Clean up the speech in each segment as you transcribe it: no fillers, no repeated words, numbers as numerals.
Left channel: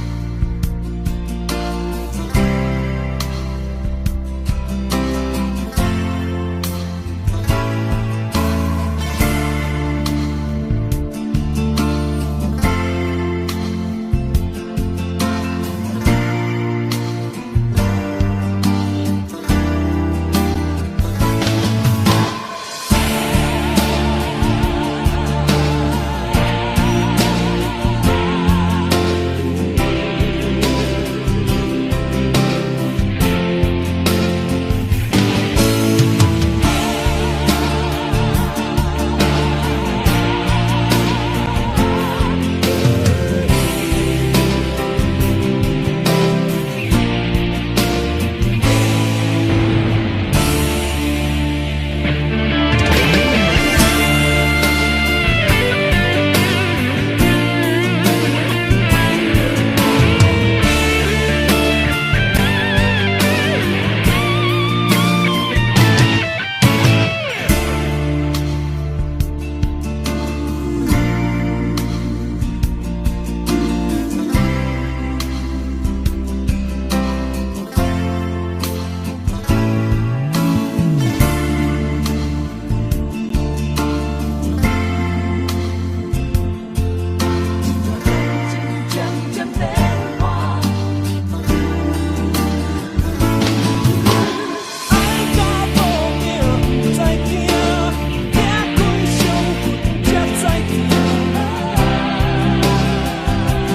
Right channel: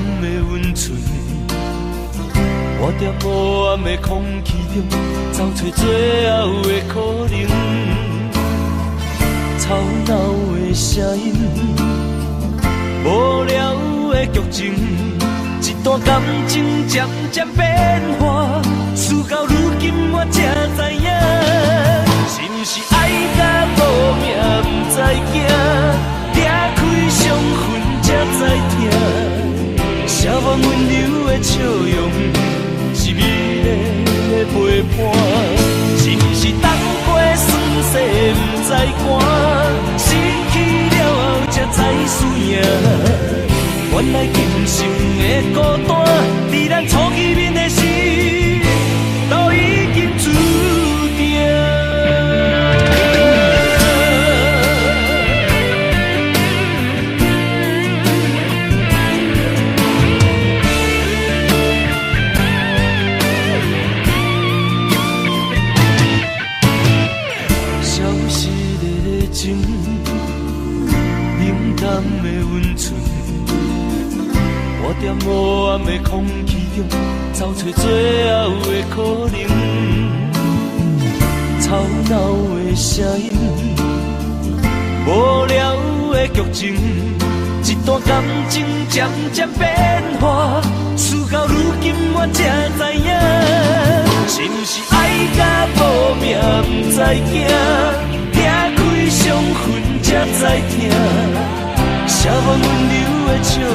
的温存，我在无暗的空气中找找最后的可能。吵闹的声音，无聊的剧情，一段感情渐渐变化，事到如今我才知影，是不是爱到无命不知惊，拆开伤痕才知疼，写满温柔的笑容，是美丽的陪伴，是不是当过酸涩不知寒。原来今生的孤单，在咱初见面的时，都已经注定。消失的情，冷淡的温存。我在无暗的空气中找找最后的可能，吵闹的声音，无聊的剧情，一段感情渐渐变化，事到如今我才知影，是不是爱到无命不知惊，拆开伤痕才知疼，写满温柔的笑容。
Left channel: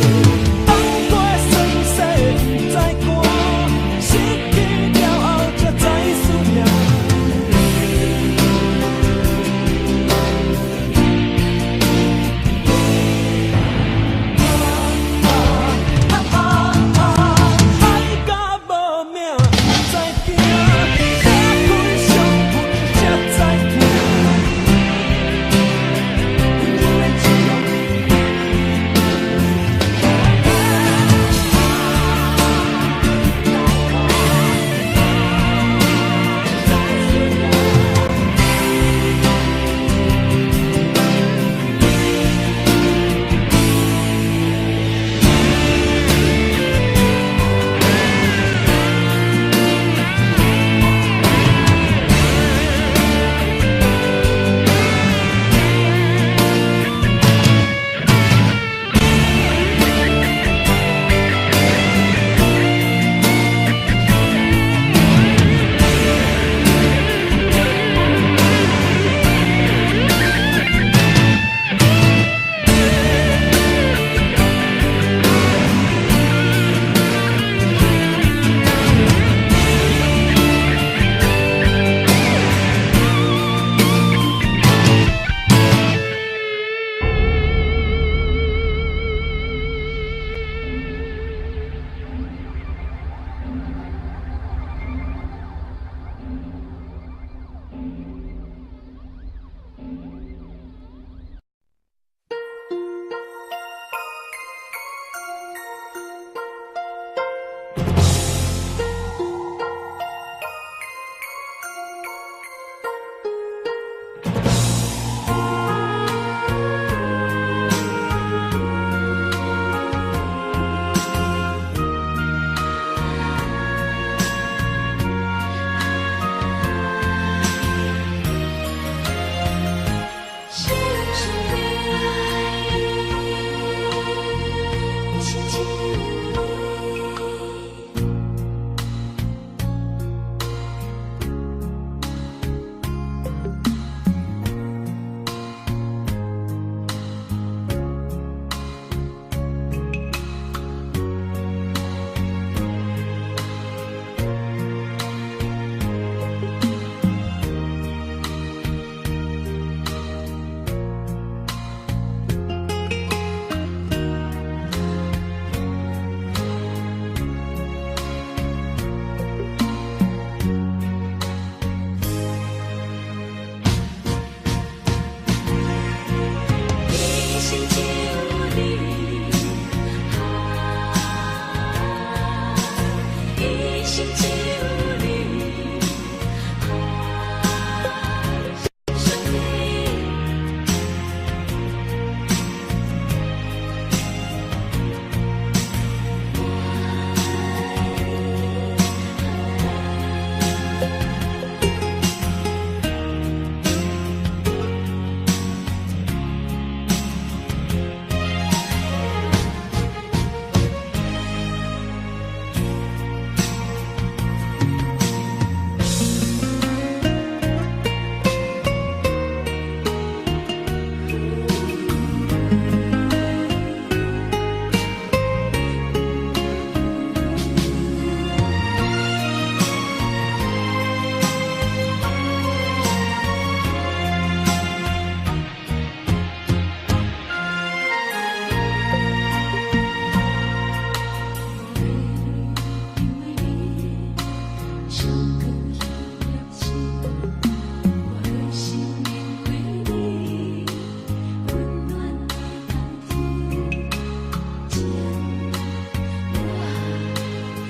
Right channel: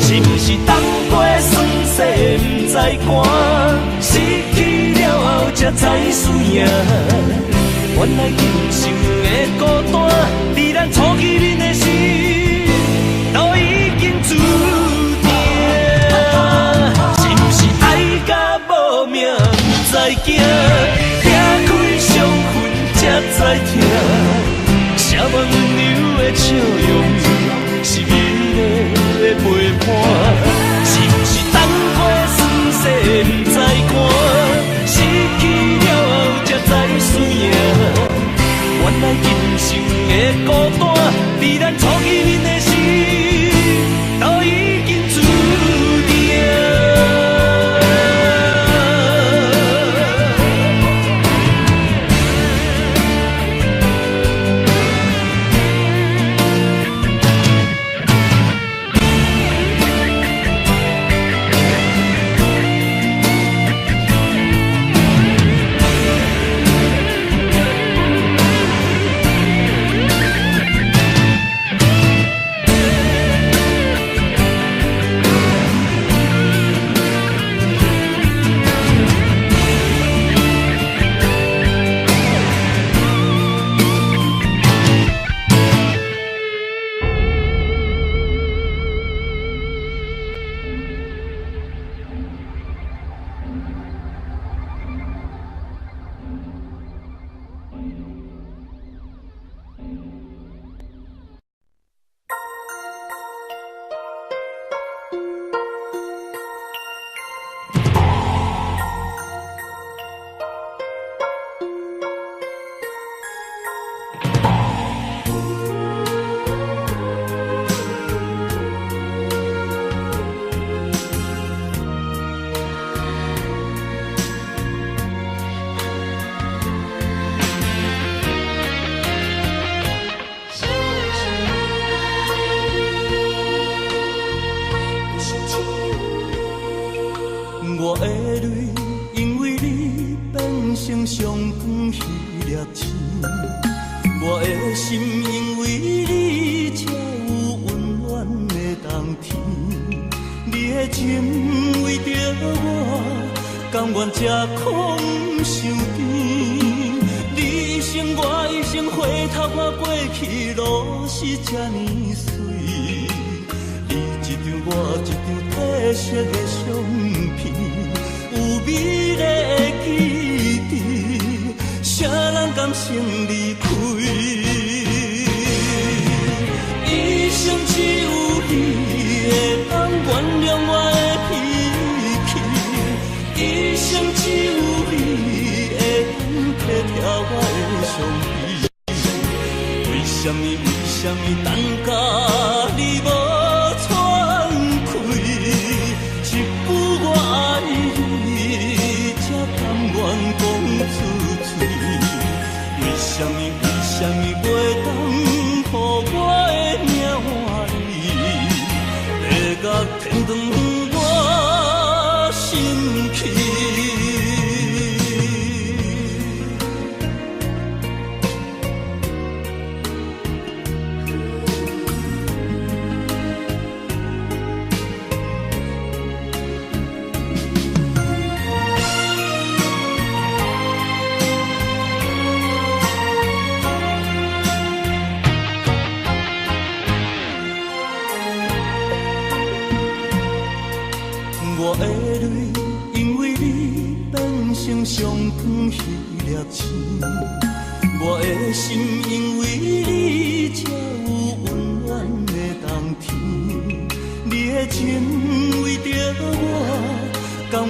是不是当过酸涩不知寒，失去了后才知输赢？原来今生的孤单，在咱初见面的时，都已经注定。是不是爱到无命不知惊，拆开伤痕才知疼，写满温柔的笑容，是美丽的陪伴，是不是当过酸涩不知寒，失去了后才知输赢？原来今生的孤单，在咱初见面的时，都已经注定。为什么等到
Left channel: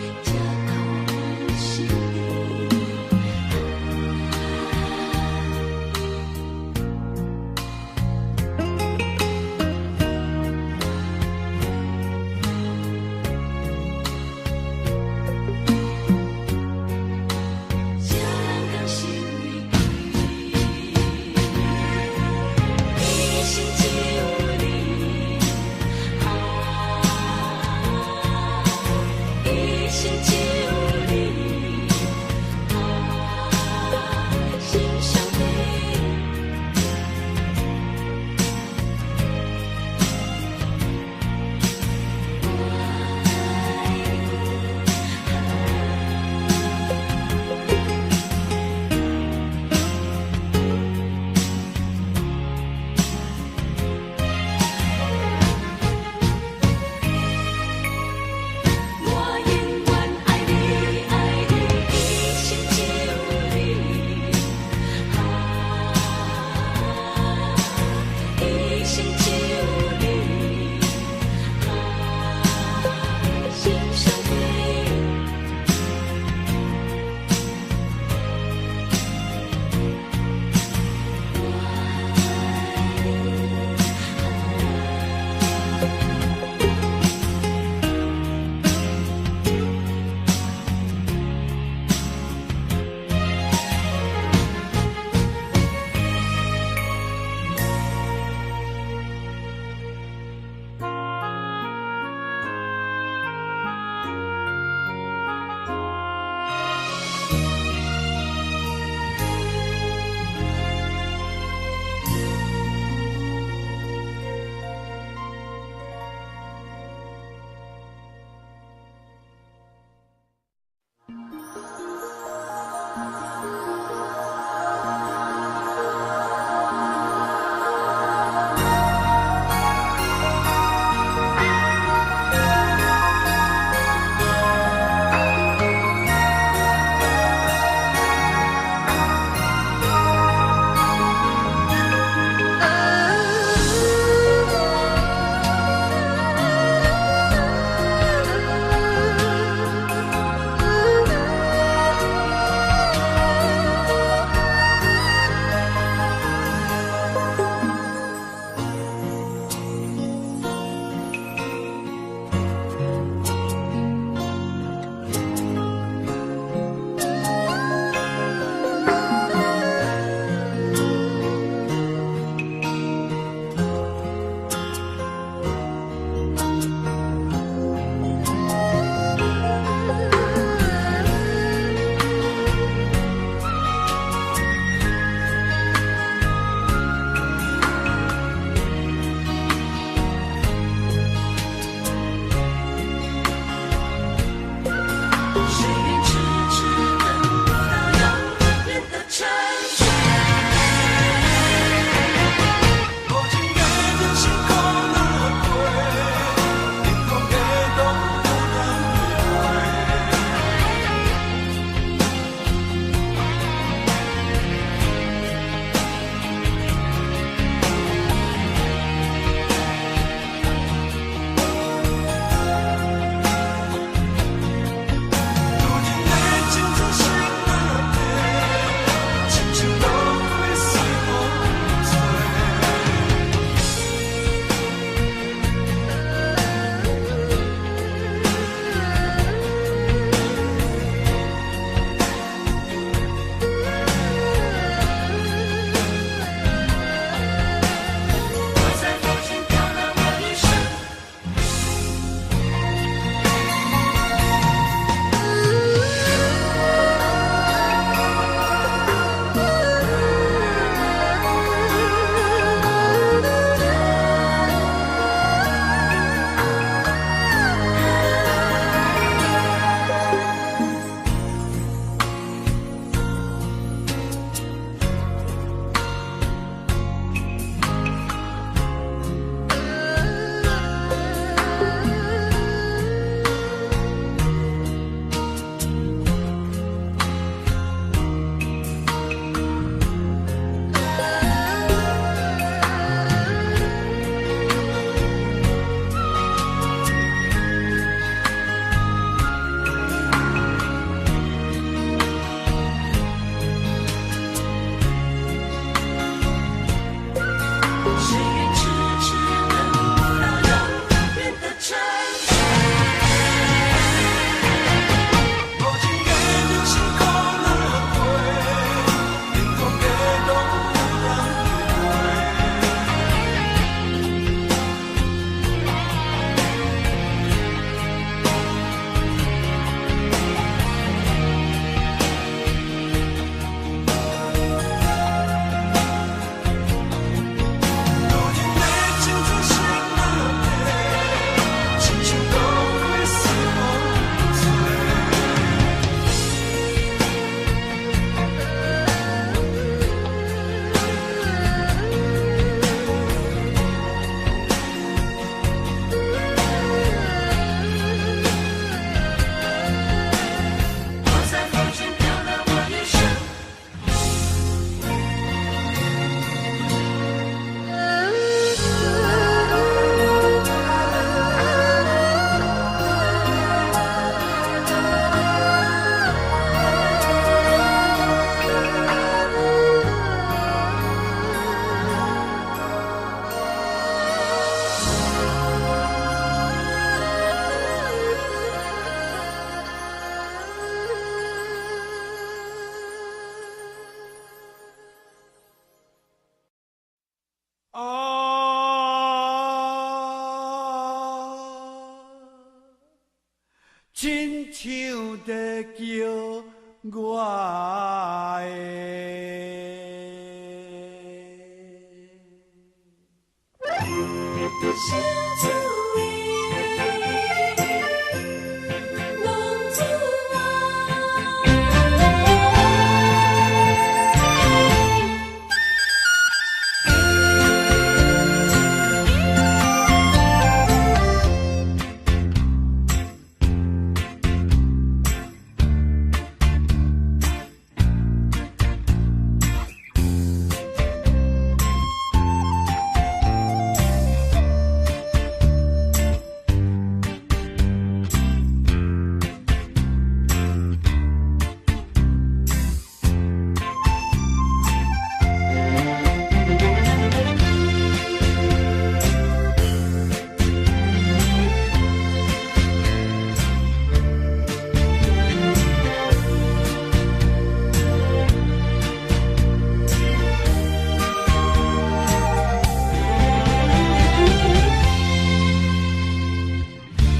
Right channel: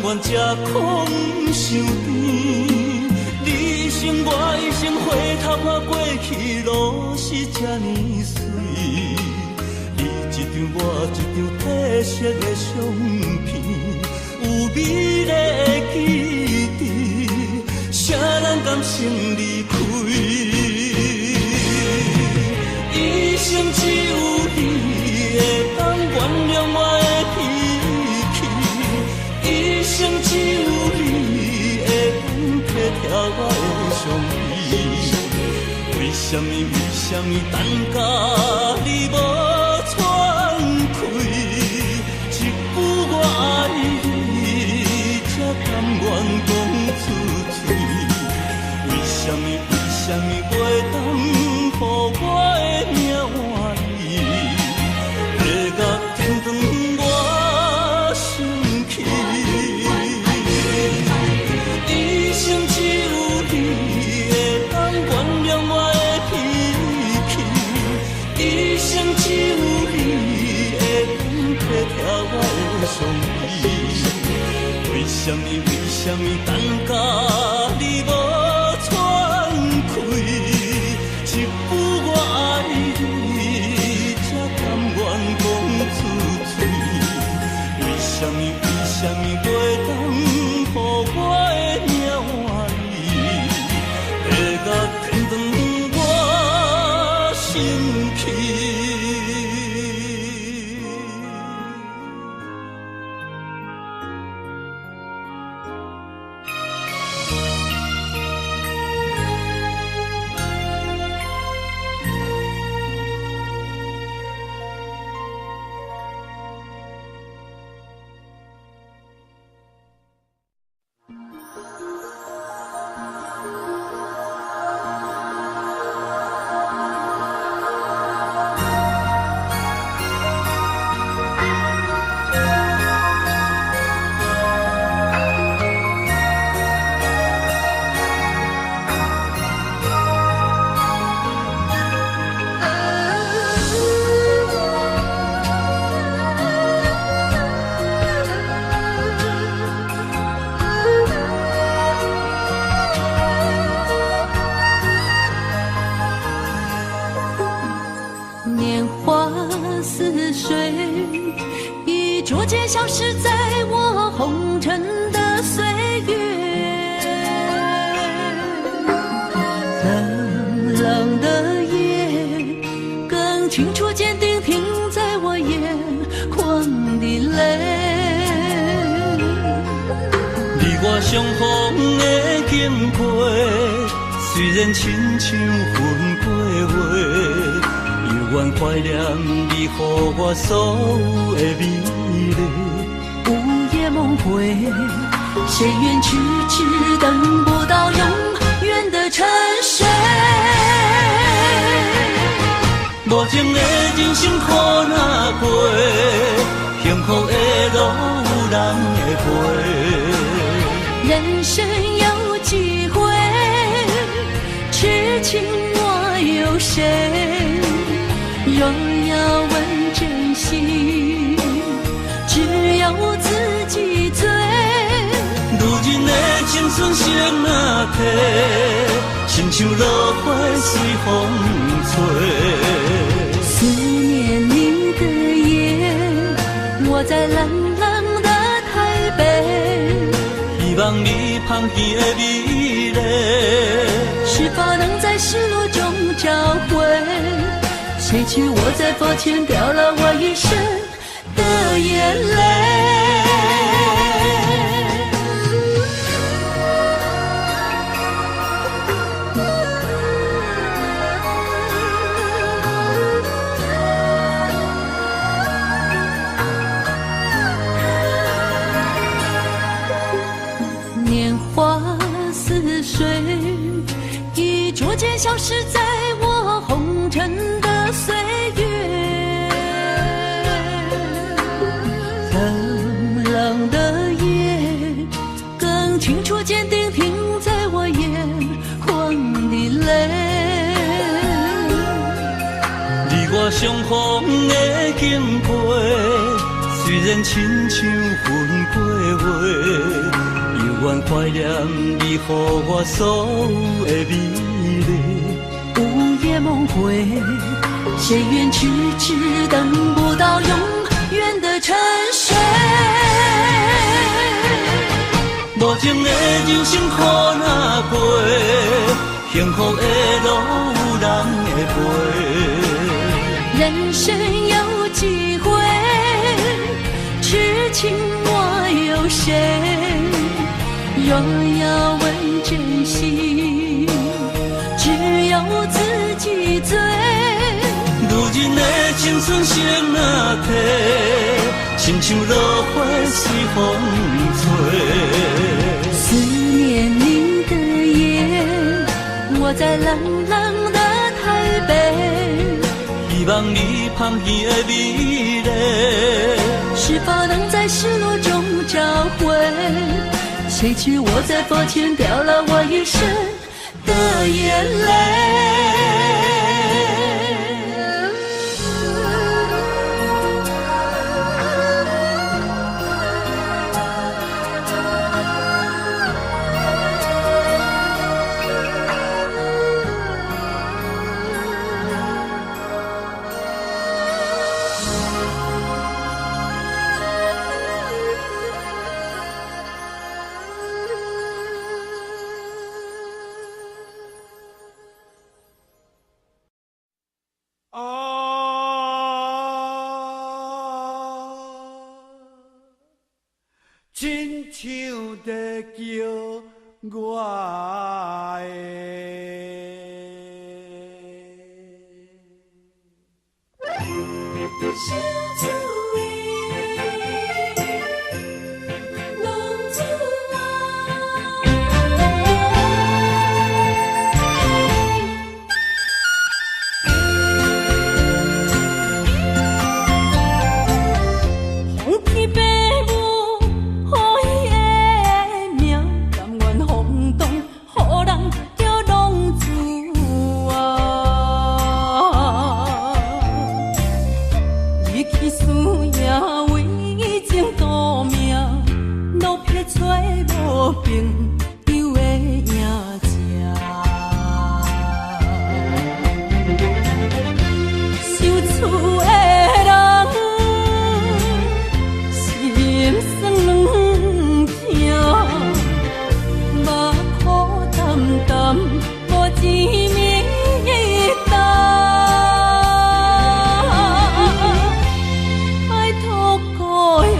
阮才空想甜。你生我一生，回头看过去路是这呢水。你一张我一张褪色的相片，有美丽的记忆，谁人甘心离开？一生只有你会当原谅我的脾气，一生只有你会当体贴我的伤悲。为什么等到你无喘气？一句我爱你，才甘愿讲出嘴。为什么袂当予我的命换你？月甲天长我生气。一生只有你会当原谅我的脾气，一生只有你会当体贴我的伤悲。为什么等到你无喘气？一句我爱你，才甘愿讲出嘴。为什么袂当予我的命换你？月甲天长我生气。年华似水，已逐渐消失在我红尘的岁月。冷冷的夜，更清楚坚定停在我眼眶的泪。你我相逢的经过，虽然亲像云过月，永远怀念你予我所有的美丽。午夜梦回，谁愿痴痴等不到永远的沉睡？无情的人生苦哪过，幸福的路有咱会陪。人生有几回，痴情我有谁？若要问真心，只有自己醉。如今的青春谁人提？心像落花随风吹。思念你的夜，我在冷冷的台北。希望你旁边的美丽，是否能在世路中找回？谁知我在佛前掉了我一生的眼泪。年华似水，已逐渐消失在我红尘的岁月。冷冷的夜，更清楚坚定停在我眼眶的泪。你我相逢的经过，虽然亲像云过月。谁愿痴痴等不到永远的沉睡？无情的人生苦若过，幸福的路有人会陪。人生有几回，痴情我有谁？若要问真心，只有自己醉。如今的青春谁若提？亲像落花随风吹。思念你的夜，我在冷冷的台北。希望你旁边的美丽，是否能在失落中找回？谁知我在风前飘了我一生的眼泪。亲像在叫我的小主人，浪子红旗白舞，好伊的名，甘愿轰动，予人叫浪子啊！离去思也为情赌命，路撇找无朋友的影子。受厝的人，心酸软疼，目苦淡淡，无一面灯。爱托故乡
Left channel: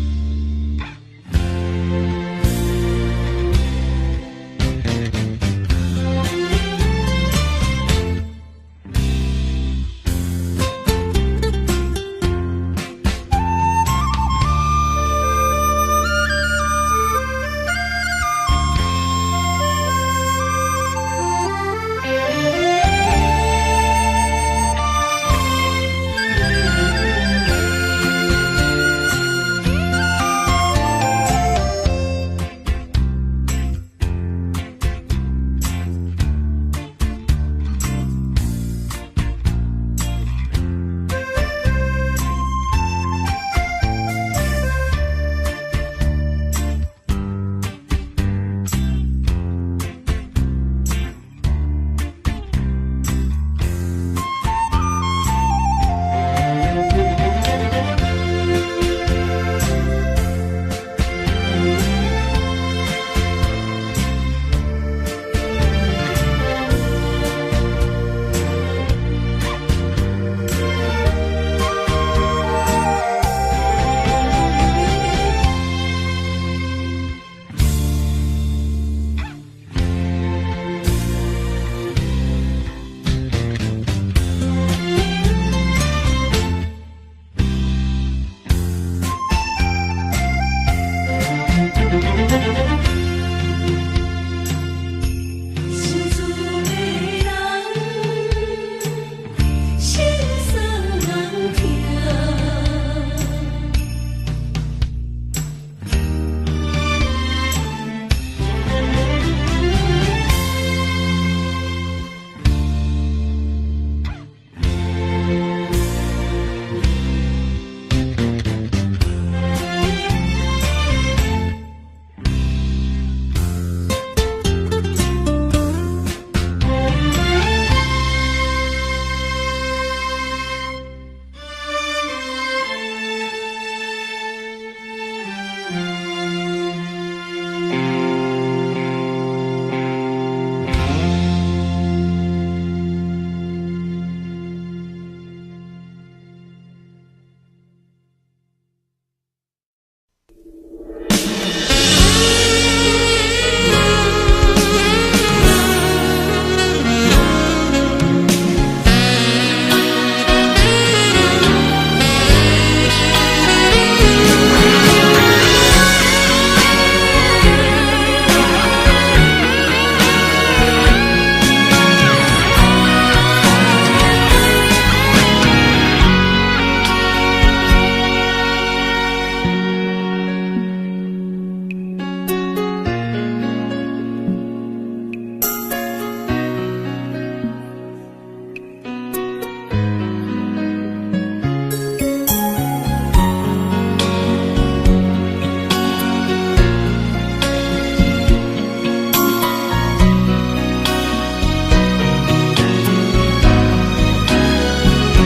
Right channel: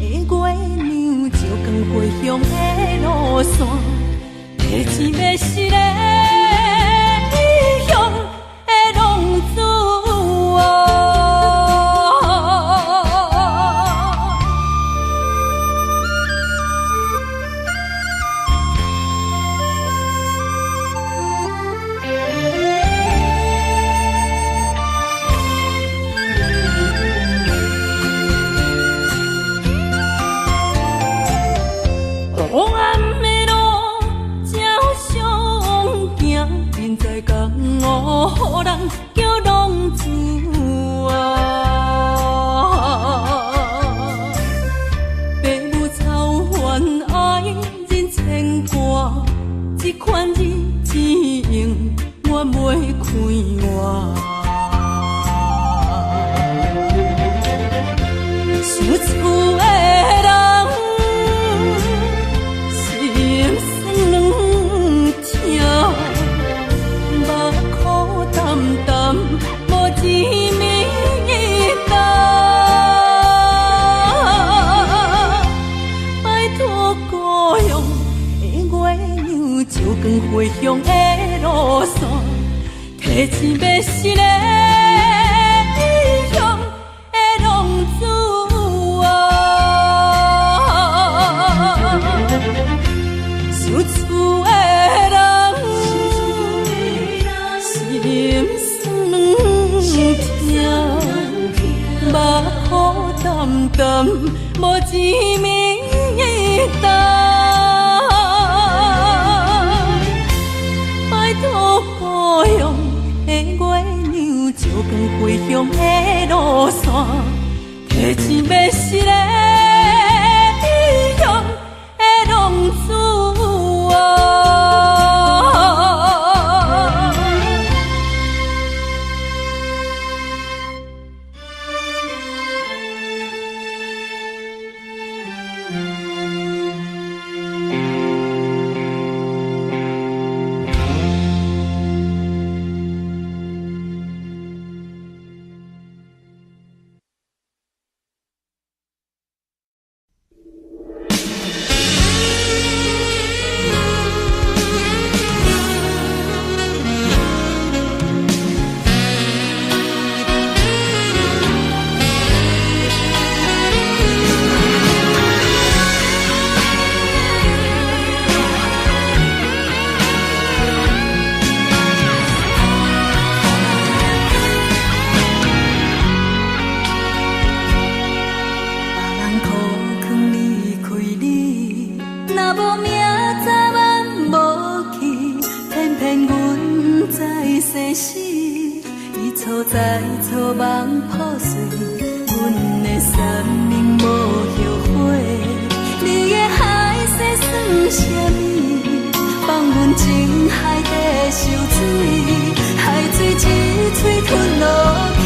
的月亮，照光回乡的路线，提钱要是个异乡的浪子啊！黑暗的路，照常行，人在江湖，予人叫浪子啊！父母操烦爱人牵挂，这款日子用我袂开活。受厝的人，心酸软疼，目苦淡淡，无一面灯。拜托故乡的月亮，照光回乡的路线，提钱要是个异乡的浪子啊！受厝的人，心酸软疼，目苦淡淡，无一面灯。拜托故乡的月亮，照光回乡的路线，提钱要是个异乡的浪子啊！在草莽破碎，阮的三年无后悔。你的海誓算啥物？放阮情海底烧水，海水一嘴吞落去。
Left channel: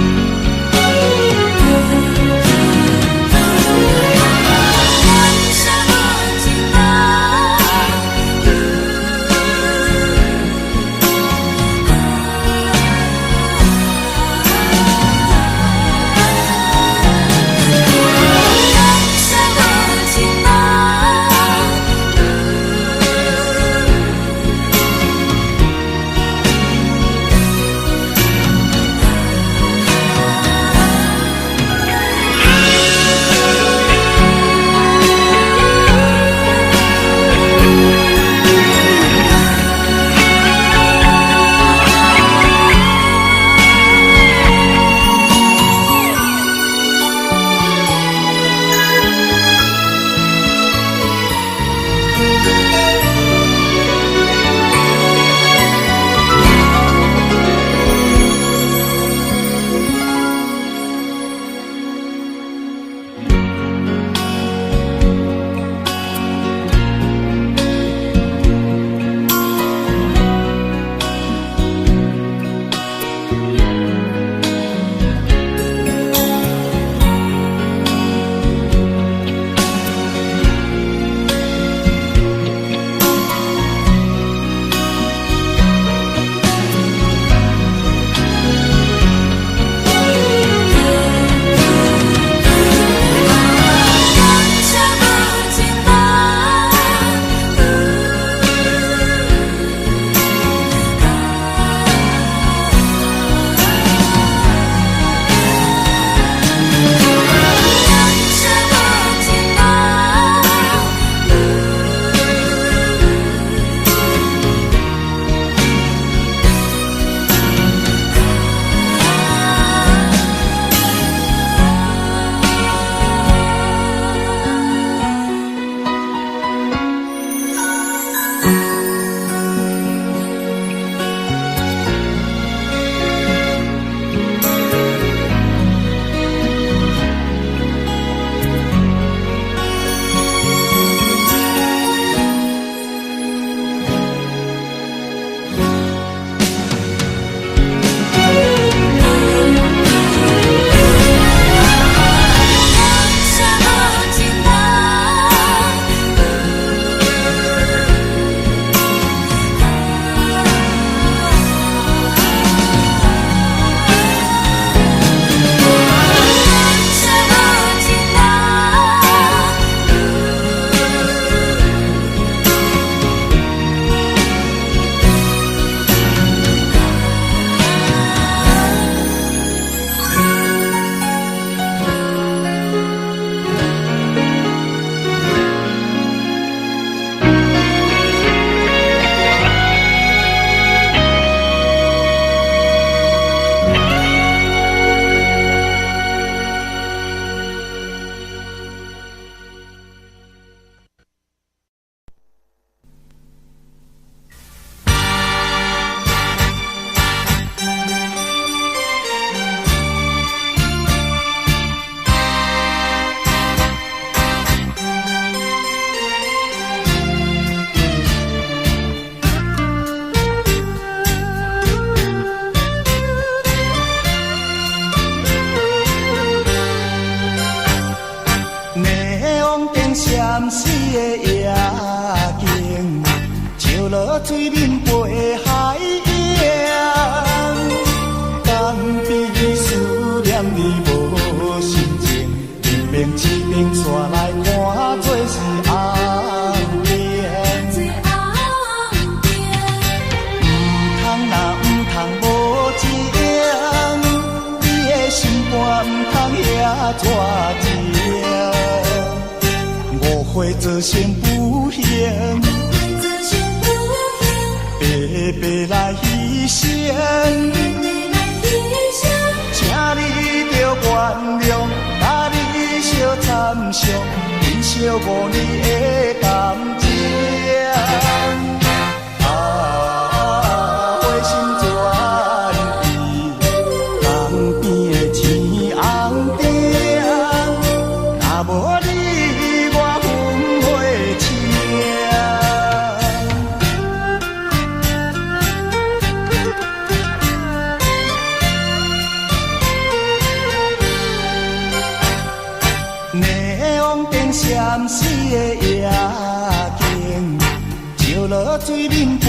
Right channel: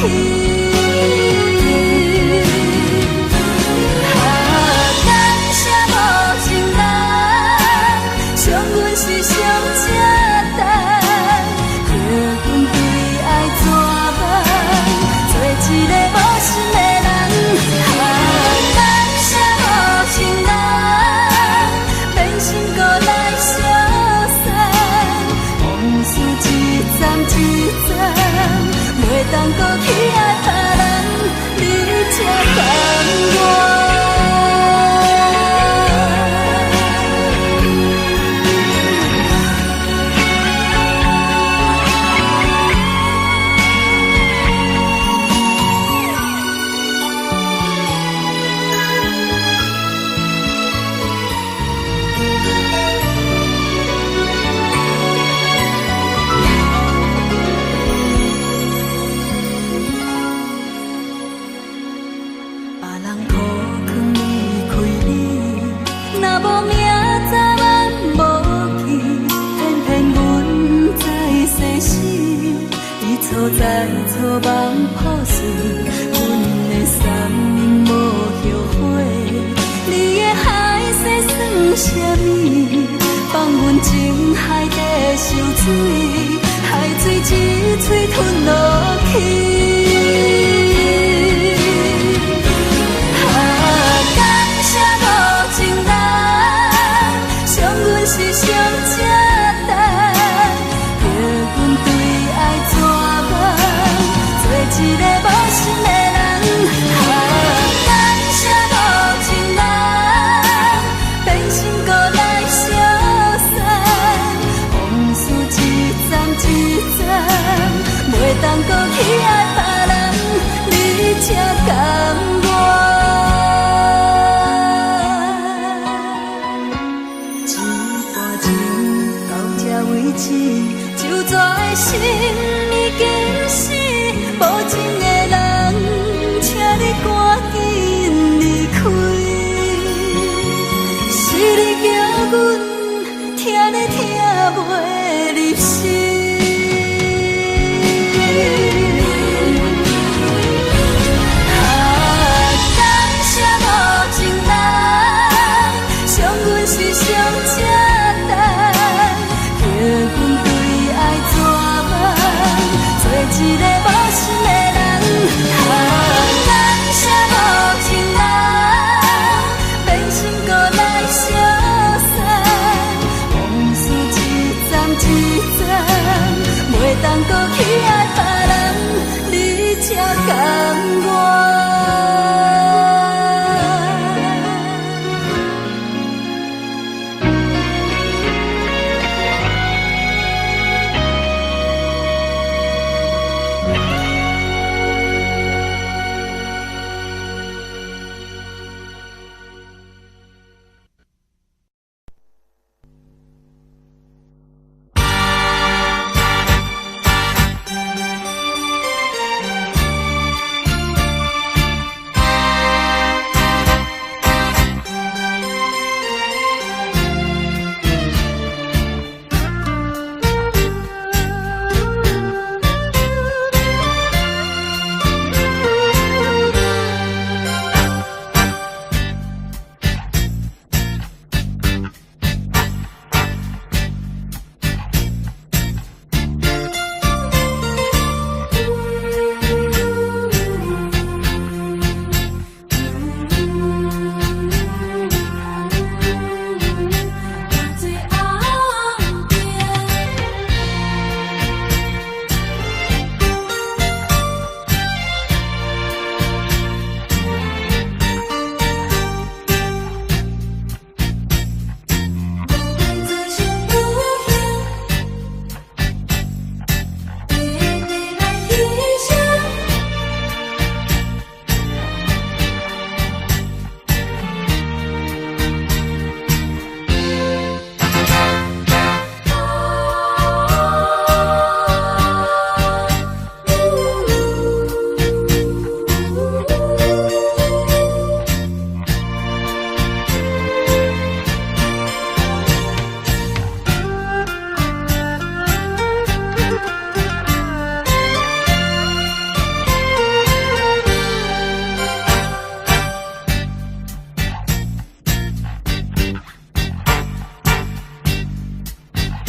水面陪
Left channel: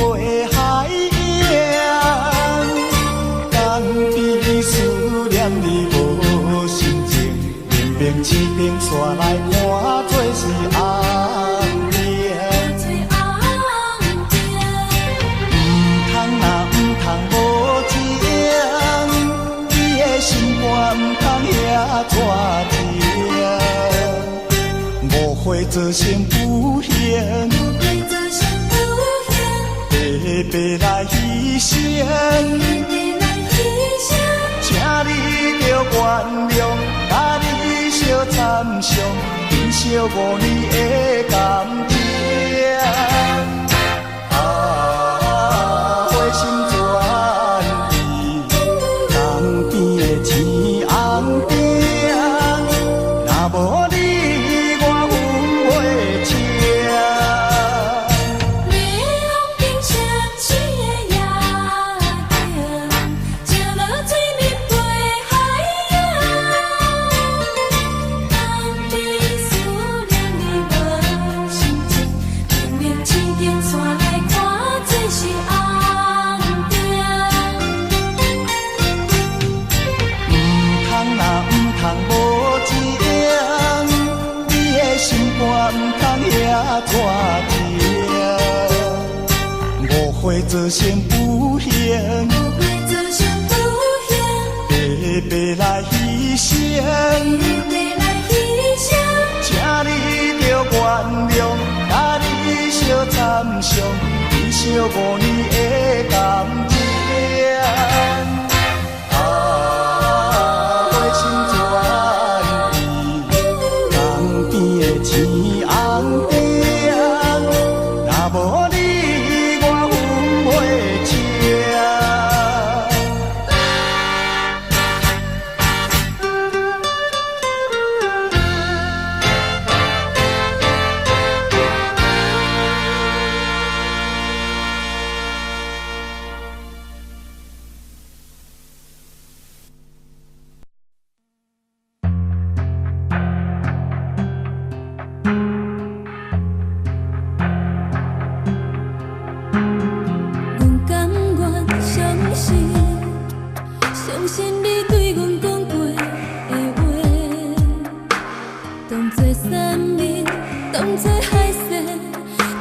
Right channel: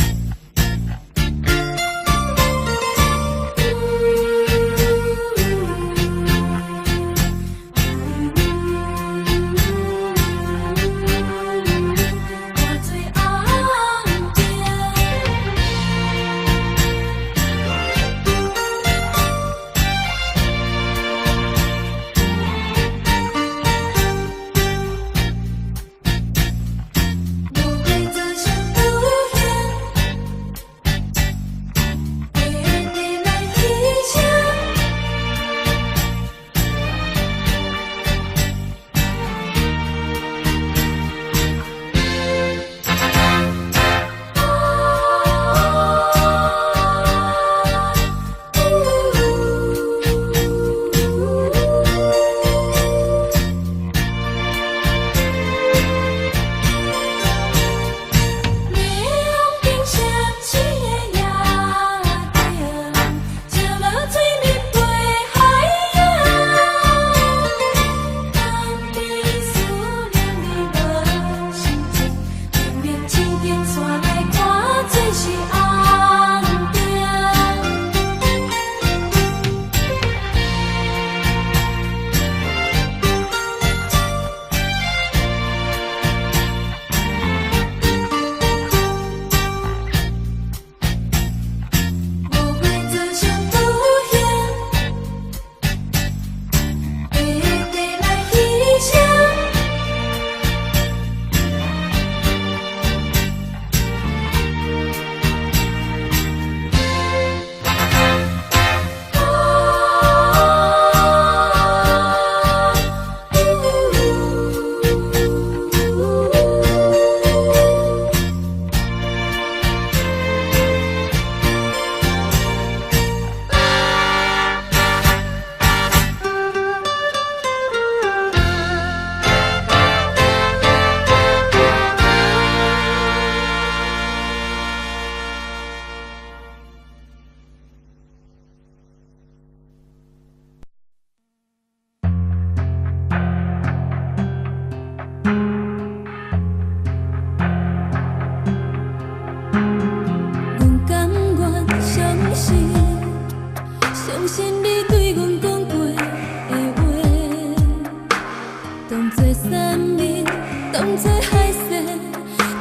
海洋，敢比思念你无心情，明明一顶煞来看做是红颜。唔通啊唔通无情，你的心肝唔通遐带情，误会做成有形。白来牺牲，请你着原谅，甲你相参详，珍惜5年的感情。心转意，东边的天红顶，若无你我分袂清。做成有形，白白来牺牲，请你着原谅，甲你相参详，珍惜5年的感情。心转意，东边的天红顶，若无你我分袂清。阮甘愿相信你对阮讲过的话，当作山盟，当作海誓，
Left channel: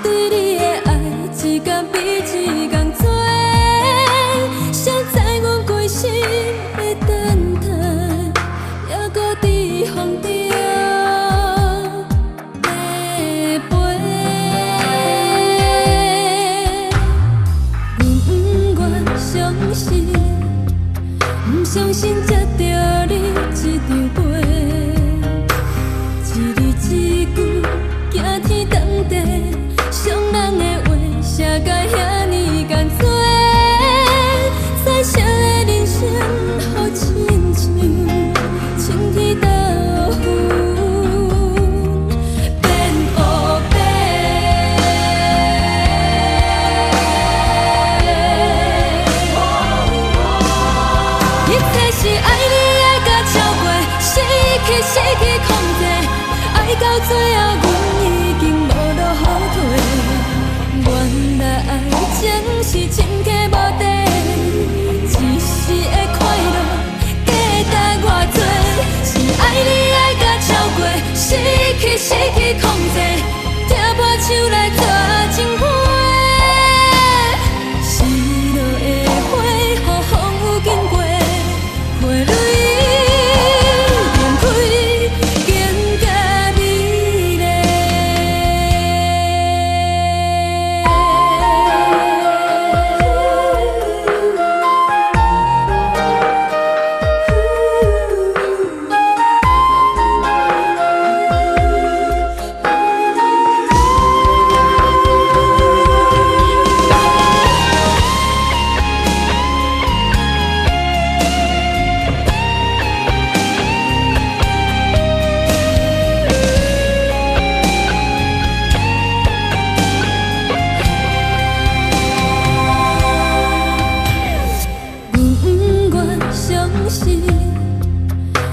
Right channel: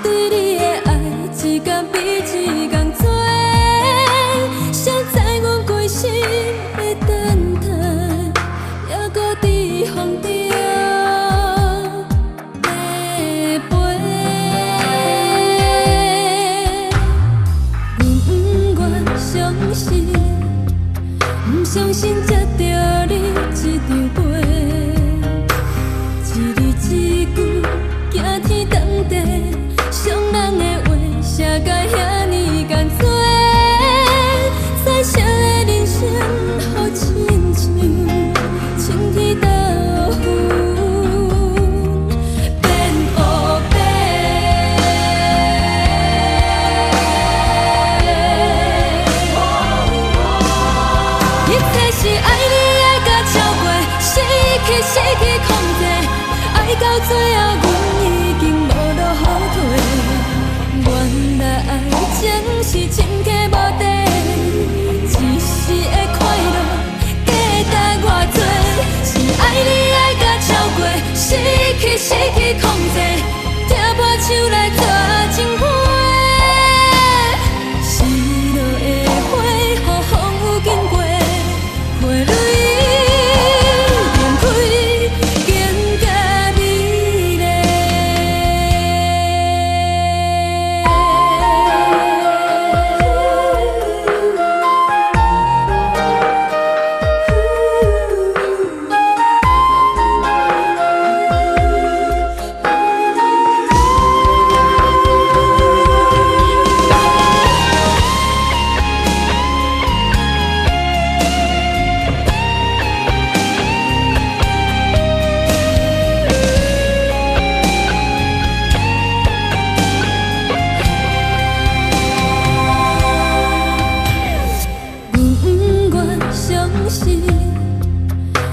对你的爱一天比一天多。谁知阮归心的等待，还搁伫风中迷飞。不相信才着你一场陪，一字一句惊天动地，伤人的话写甲遐尼艰辛，彩色的人生好亲像晴天豆腐变黑白。失去控制，爱到最后，阮已经无路后退。原来爱情是深刻无底，一时的快乐价值偌多。是爱你爱甲超过，失去控制，抓破手来抓情花。失落的花，予风雨经过，花蕊。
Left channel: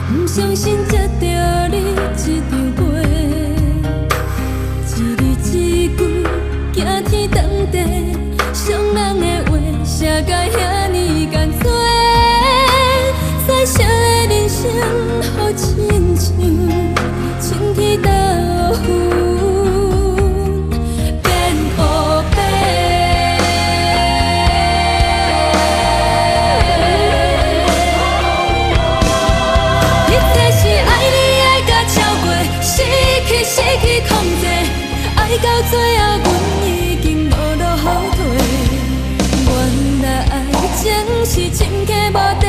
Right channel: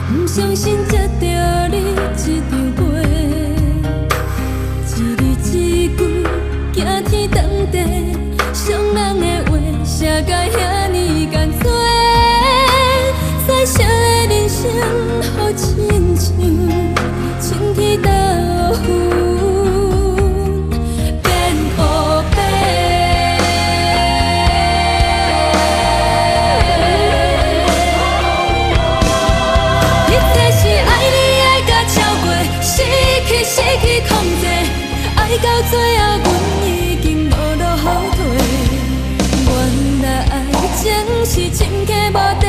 不相信才着你一场陪，一字一句惊天动地。少的人生，好亲像青天倒云变乌白。一切是爱你爱甲超过，失去控制，爱到最后，阮已经无路后退。原来爱情是真假无底，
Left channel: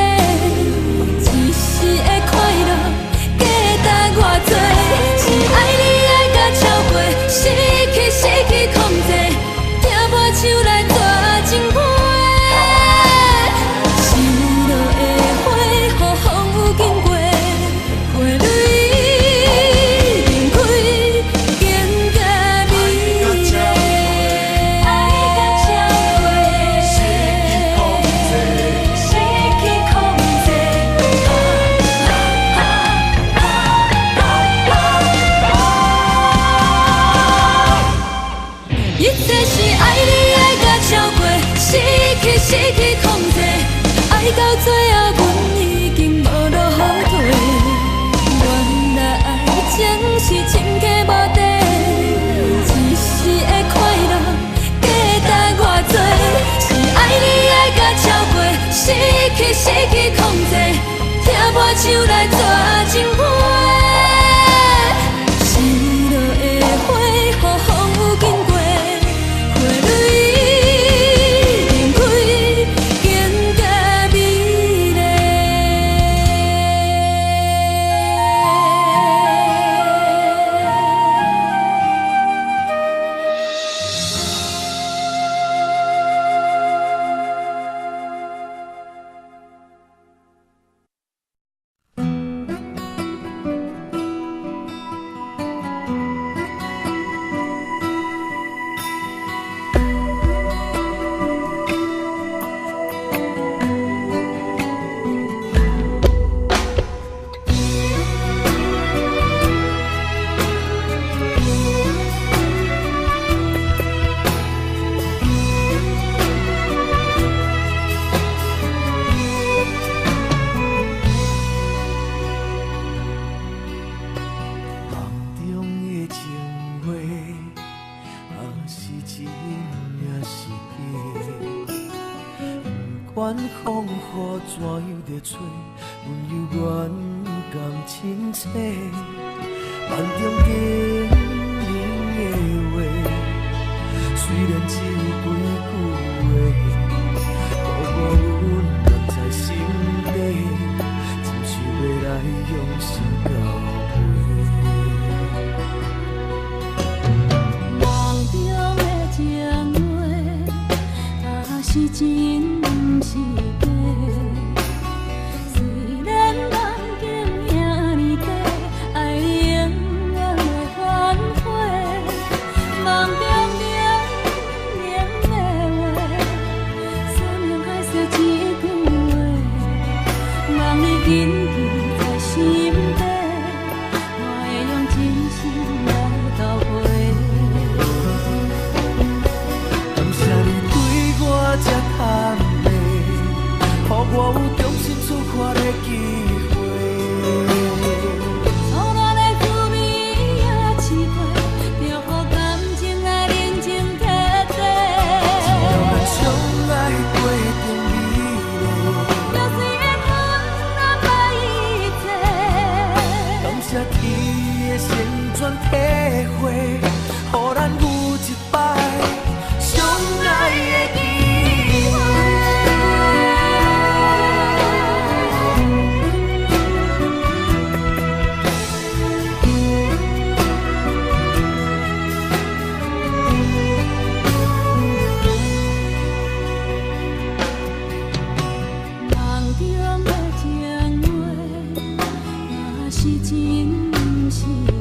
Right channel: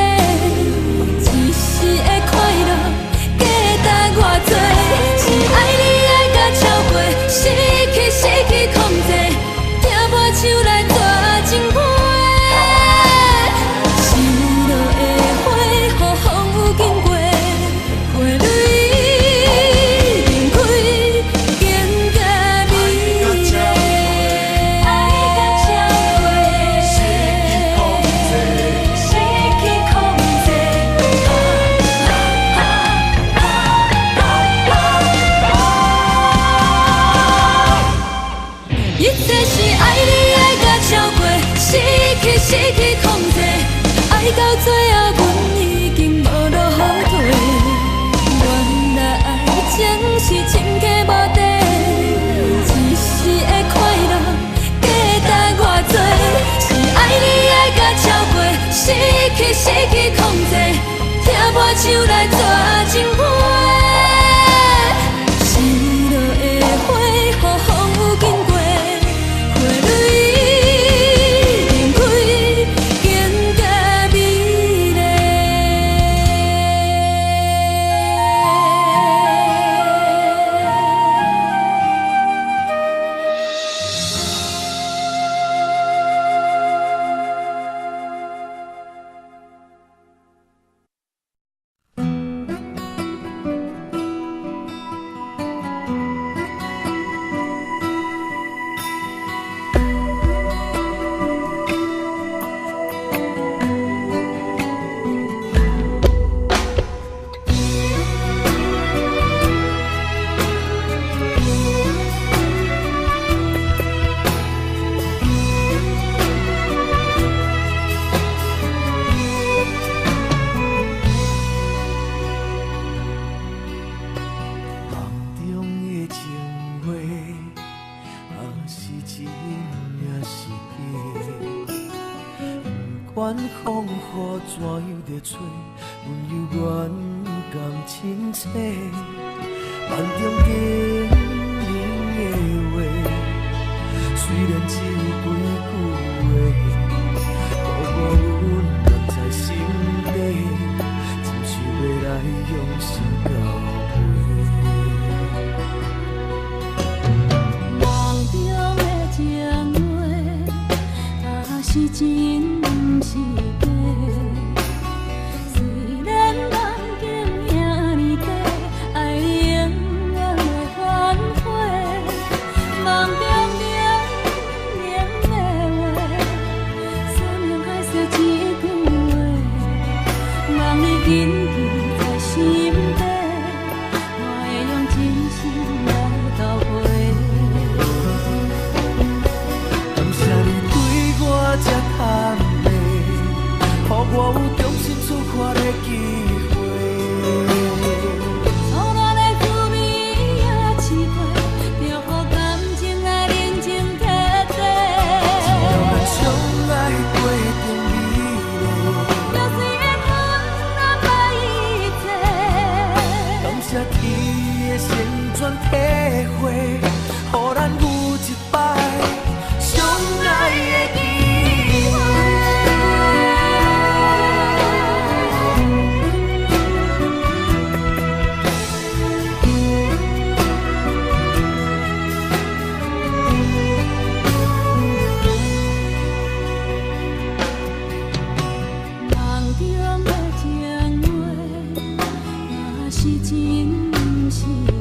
一时的快乐价值偌多。是爱你爱甲超过，失去控制，听破手来抓情花。心落的花，予风雨经过，花蕊燃开，更加美丽。爱甲超过，失去控制。一切是爱你爱甲超过，失去控制，爱到最后，阮已经无路后退。原来爱情是真假无底，一时的快乐价值偌多。是爱你爱甲超过，失去控制，听破手来抓情花。心落的花，予风雨经过，花蕊燃开，更加美丽。梦中的情话，是真也是假？不管风雨怎样在吹，阮犹原甘亲切。梦中经年的话，虽然只有几句话，不过阮放在心底，真想要来用心交陪。梦中的情话，是真毋是假。虽然梦境遐尼短，爱你永远会反悔。梦中冷冷的话，山盟海誓一句话，望你紧记在心底，我会用真心来交陪。感谢你对我这坦白，予我有重新出发的机会。错乱的滋味也试过，就予感情来认真摕地。咱相爱过程美丽，就是缘分难买一切。感谢天的先转体会，予咱有一摆相爱的机会。梦中的情话，也是真毋是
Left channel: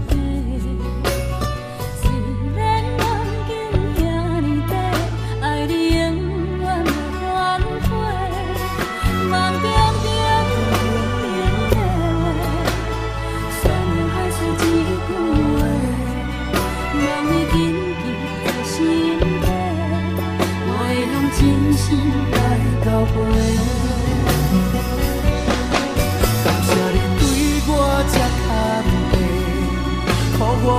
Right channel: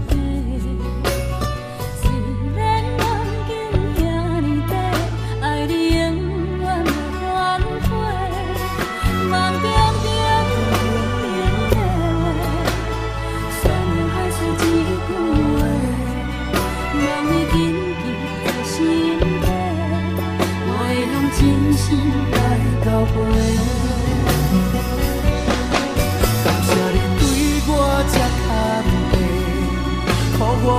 假。虽然梦境遐尼短，爱你永远会反悔。梦中冷冷的话，山盟海誓一句话，望你紧记在心底，我会用真心来交陪。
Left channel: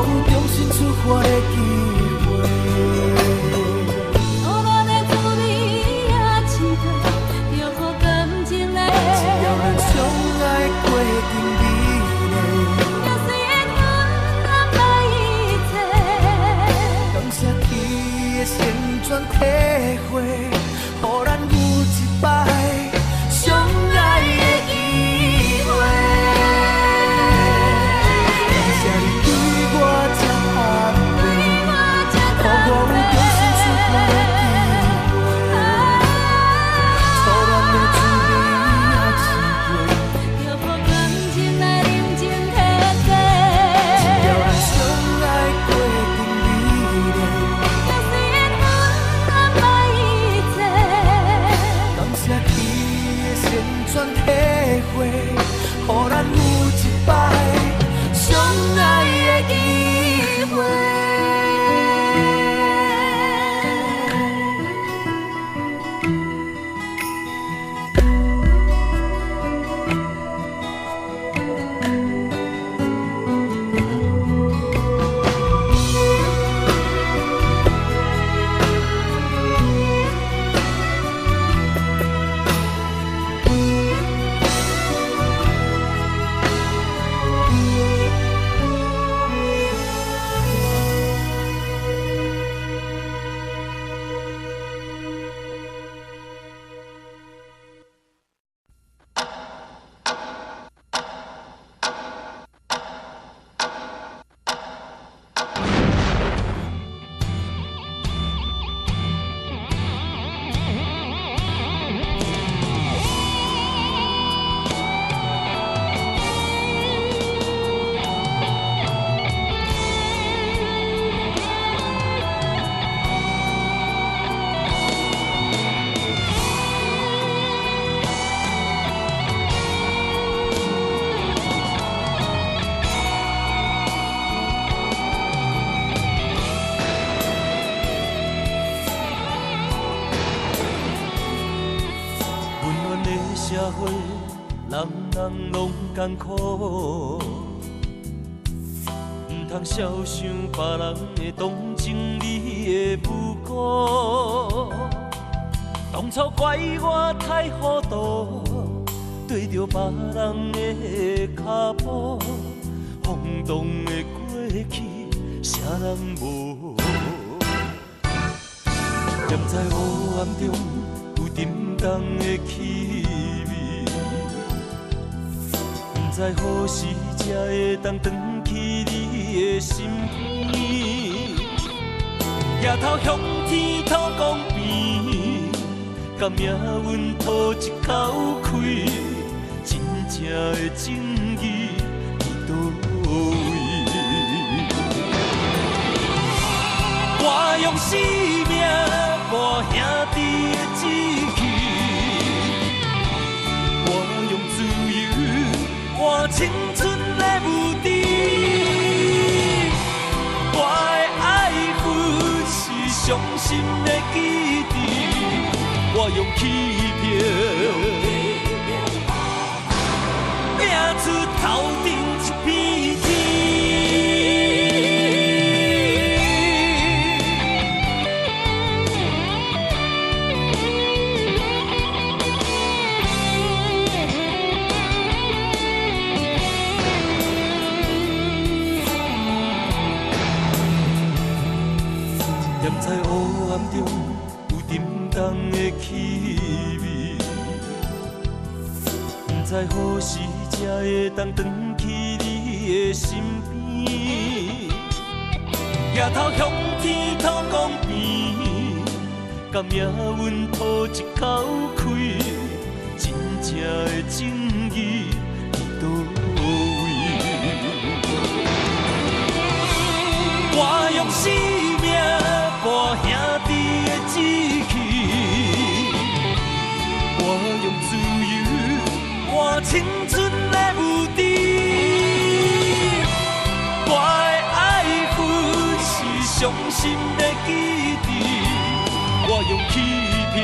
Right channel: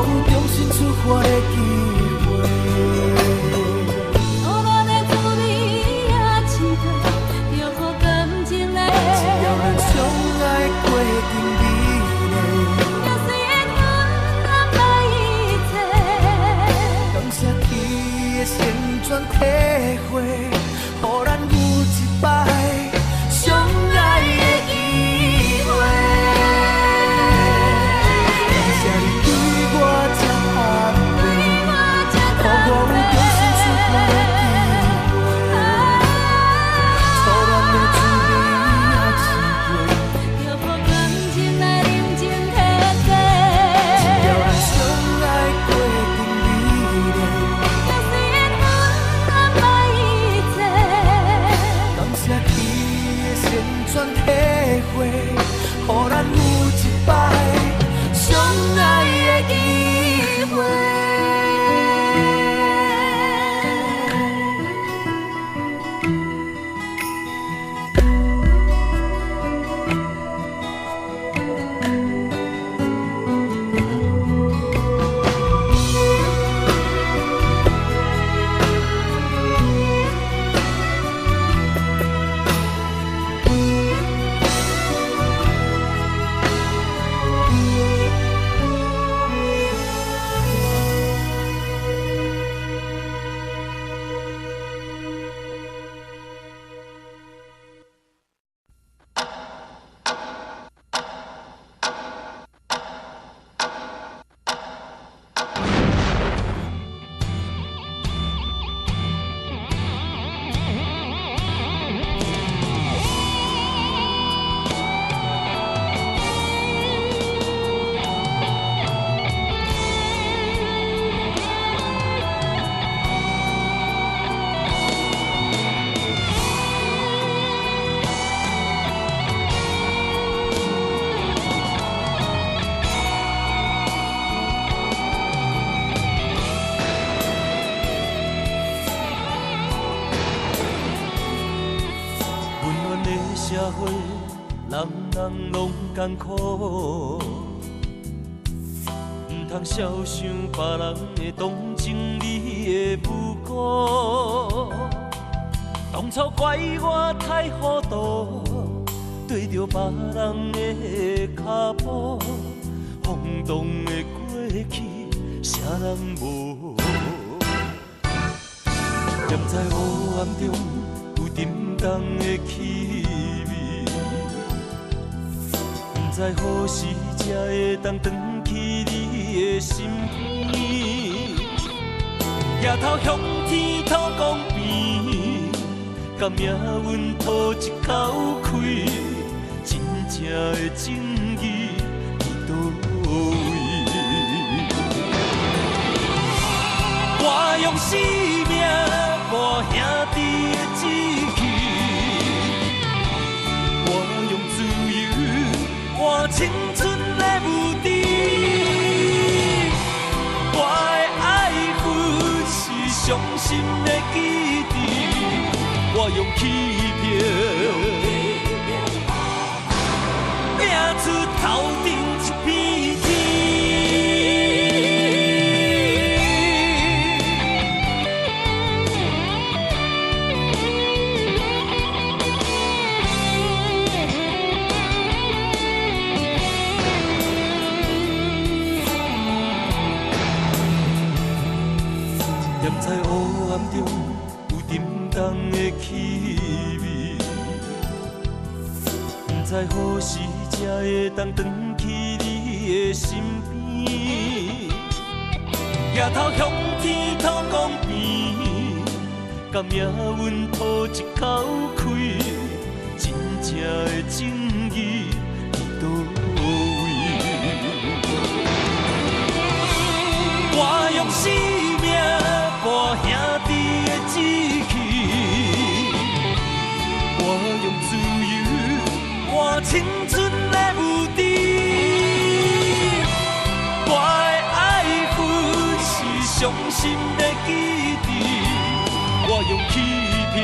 有重新出发的机会。错乱的滋味也深刻，就予感情来。只要咱相爱过程美丽，就随缘分安排一切。感谢你的成全体会，予咱有一摆相爱的机会。感谢你对我这安慰，予我有重新出发的机会。错乱的滋味也试过，就予感情来认真体会。只要咱相爱过程美丽，就随缘分安排一切。感谢你的成全体会，予咱有一摆相爱的机会。社会，人人拢艰苦，唔通小想别人的同情你的不顾。当初怪我太糊涂，对着别人的脚步，轰动的过去，啥人无？念在黑暗中有沉重的气味，不知何时才会当转去你的身边。夜头向天土公平，甲命运吐一口气，真正的正义伫倒位？我用生命磨兄弟的志气，我用自由换青春的无敌。我的爱恨是伤心的记忆，我用欺骗拼出头顶一片天。念在黑暗中有沉重的气味，不知何时才会当转去你的身边。夜头向天土公平，甲命运吐一口气，真正的正义伫倒位？我用生命磨兄弟的志气，我用自由换青春的无敌。我的爱恨是伤心的记忆，我用欺骗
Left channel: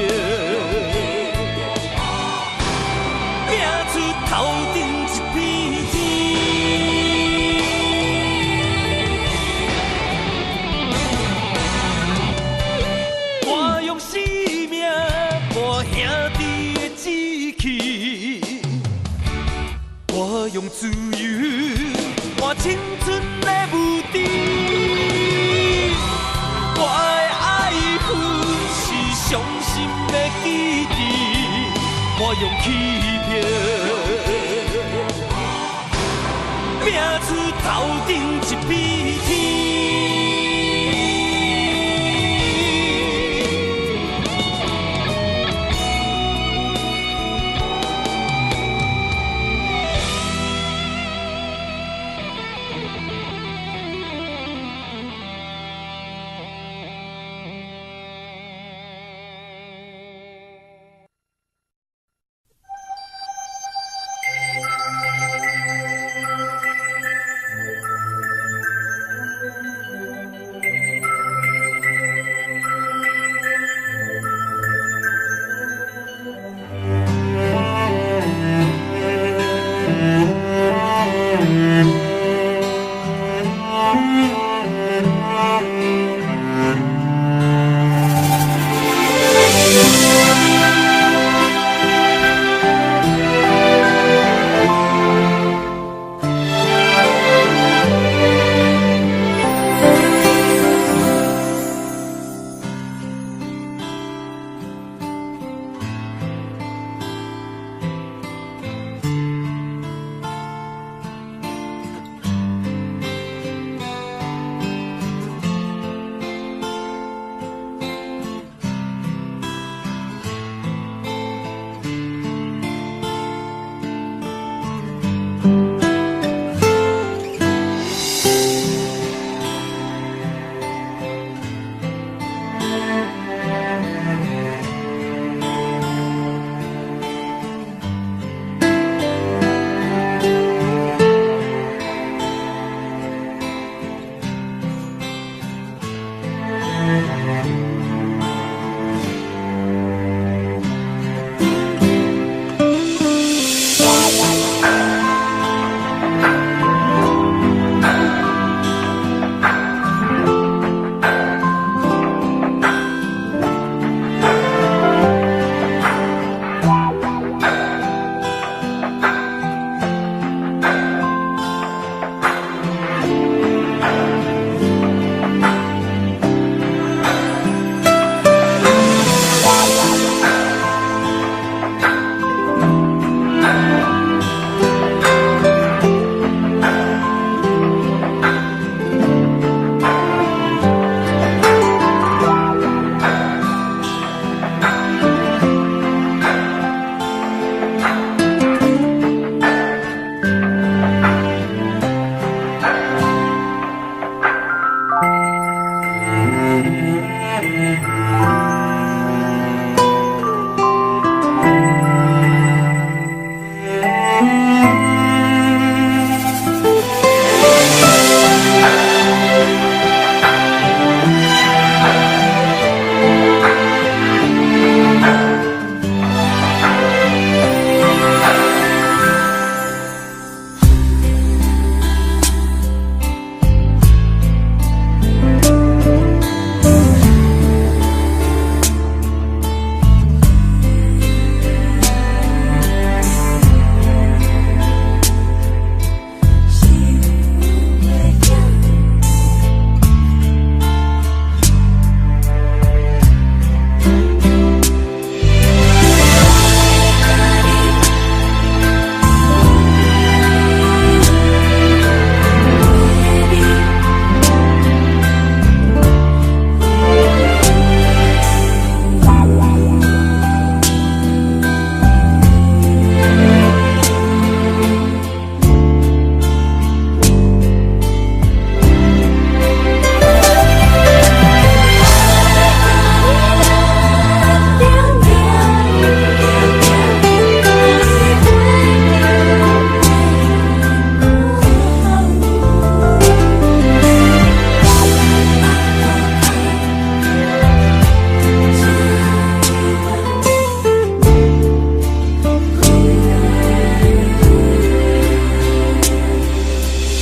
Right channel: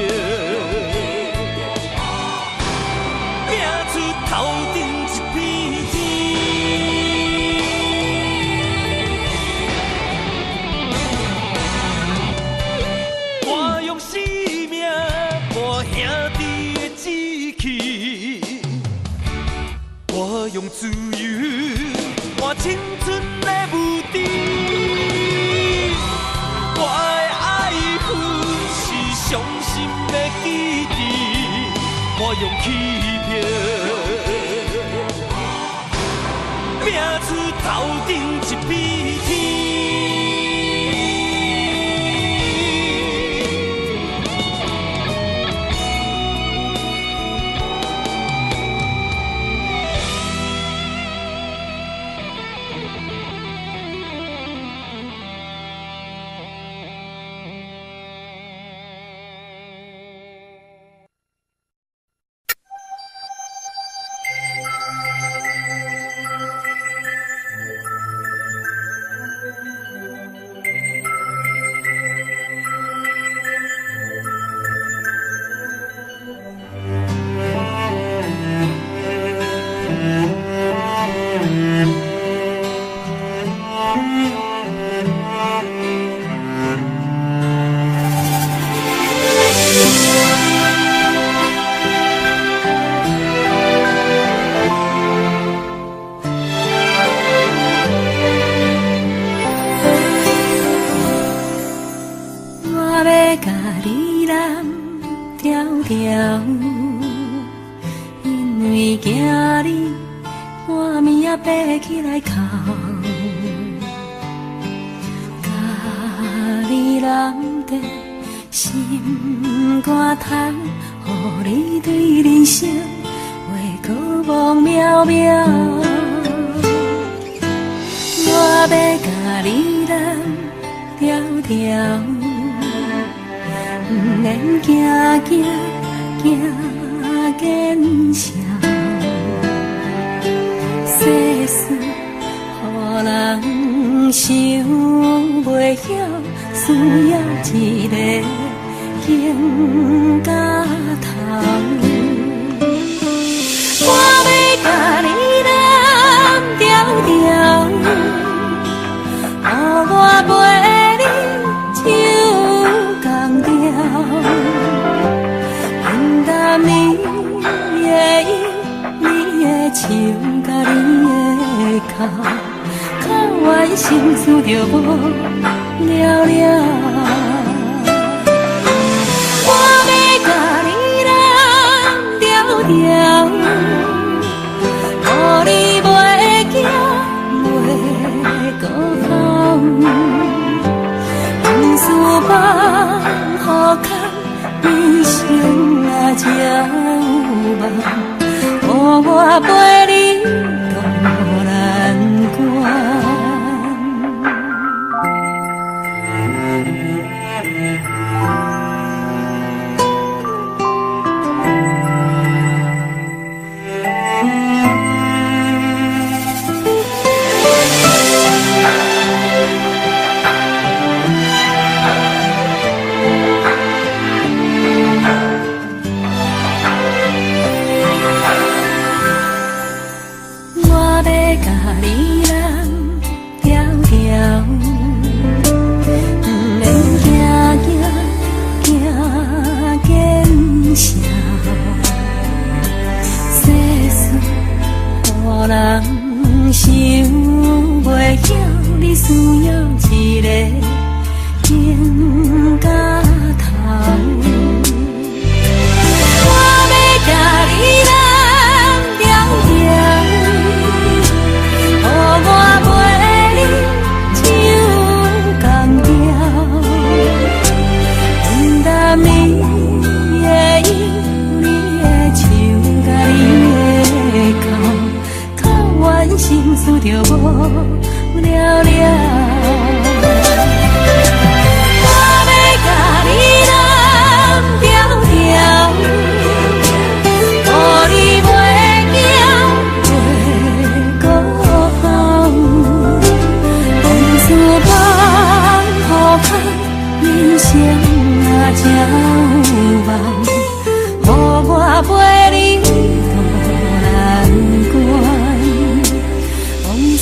拼出头顶一片我用自由换青春的舞池。我的爱恨是伤心的记忆，我用欺骗拼出头顶一片天。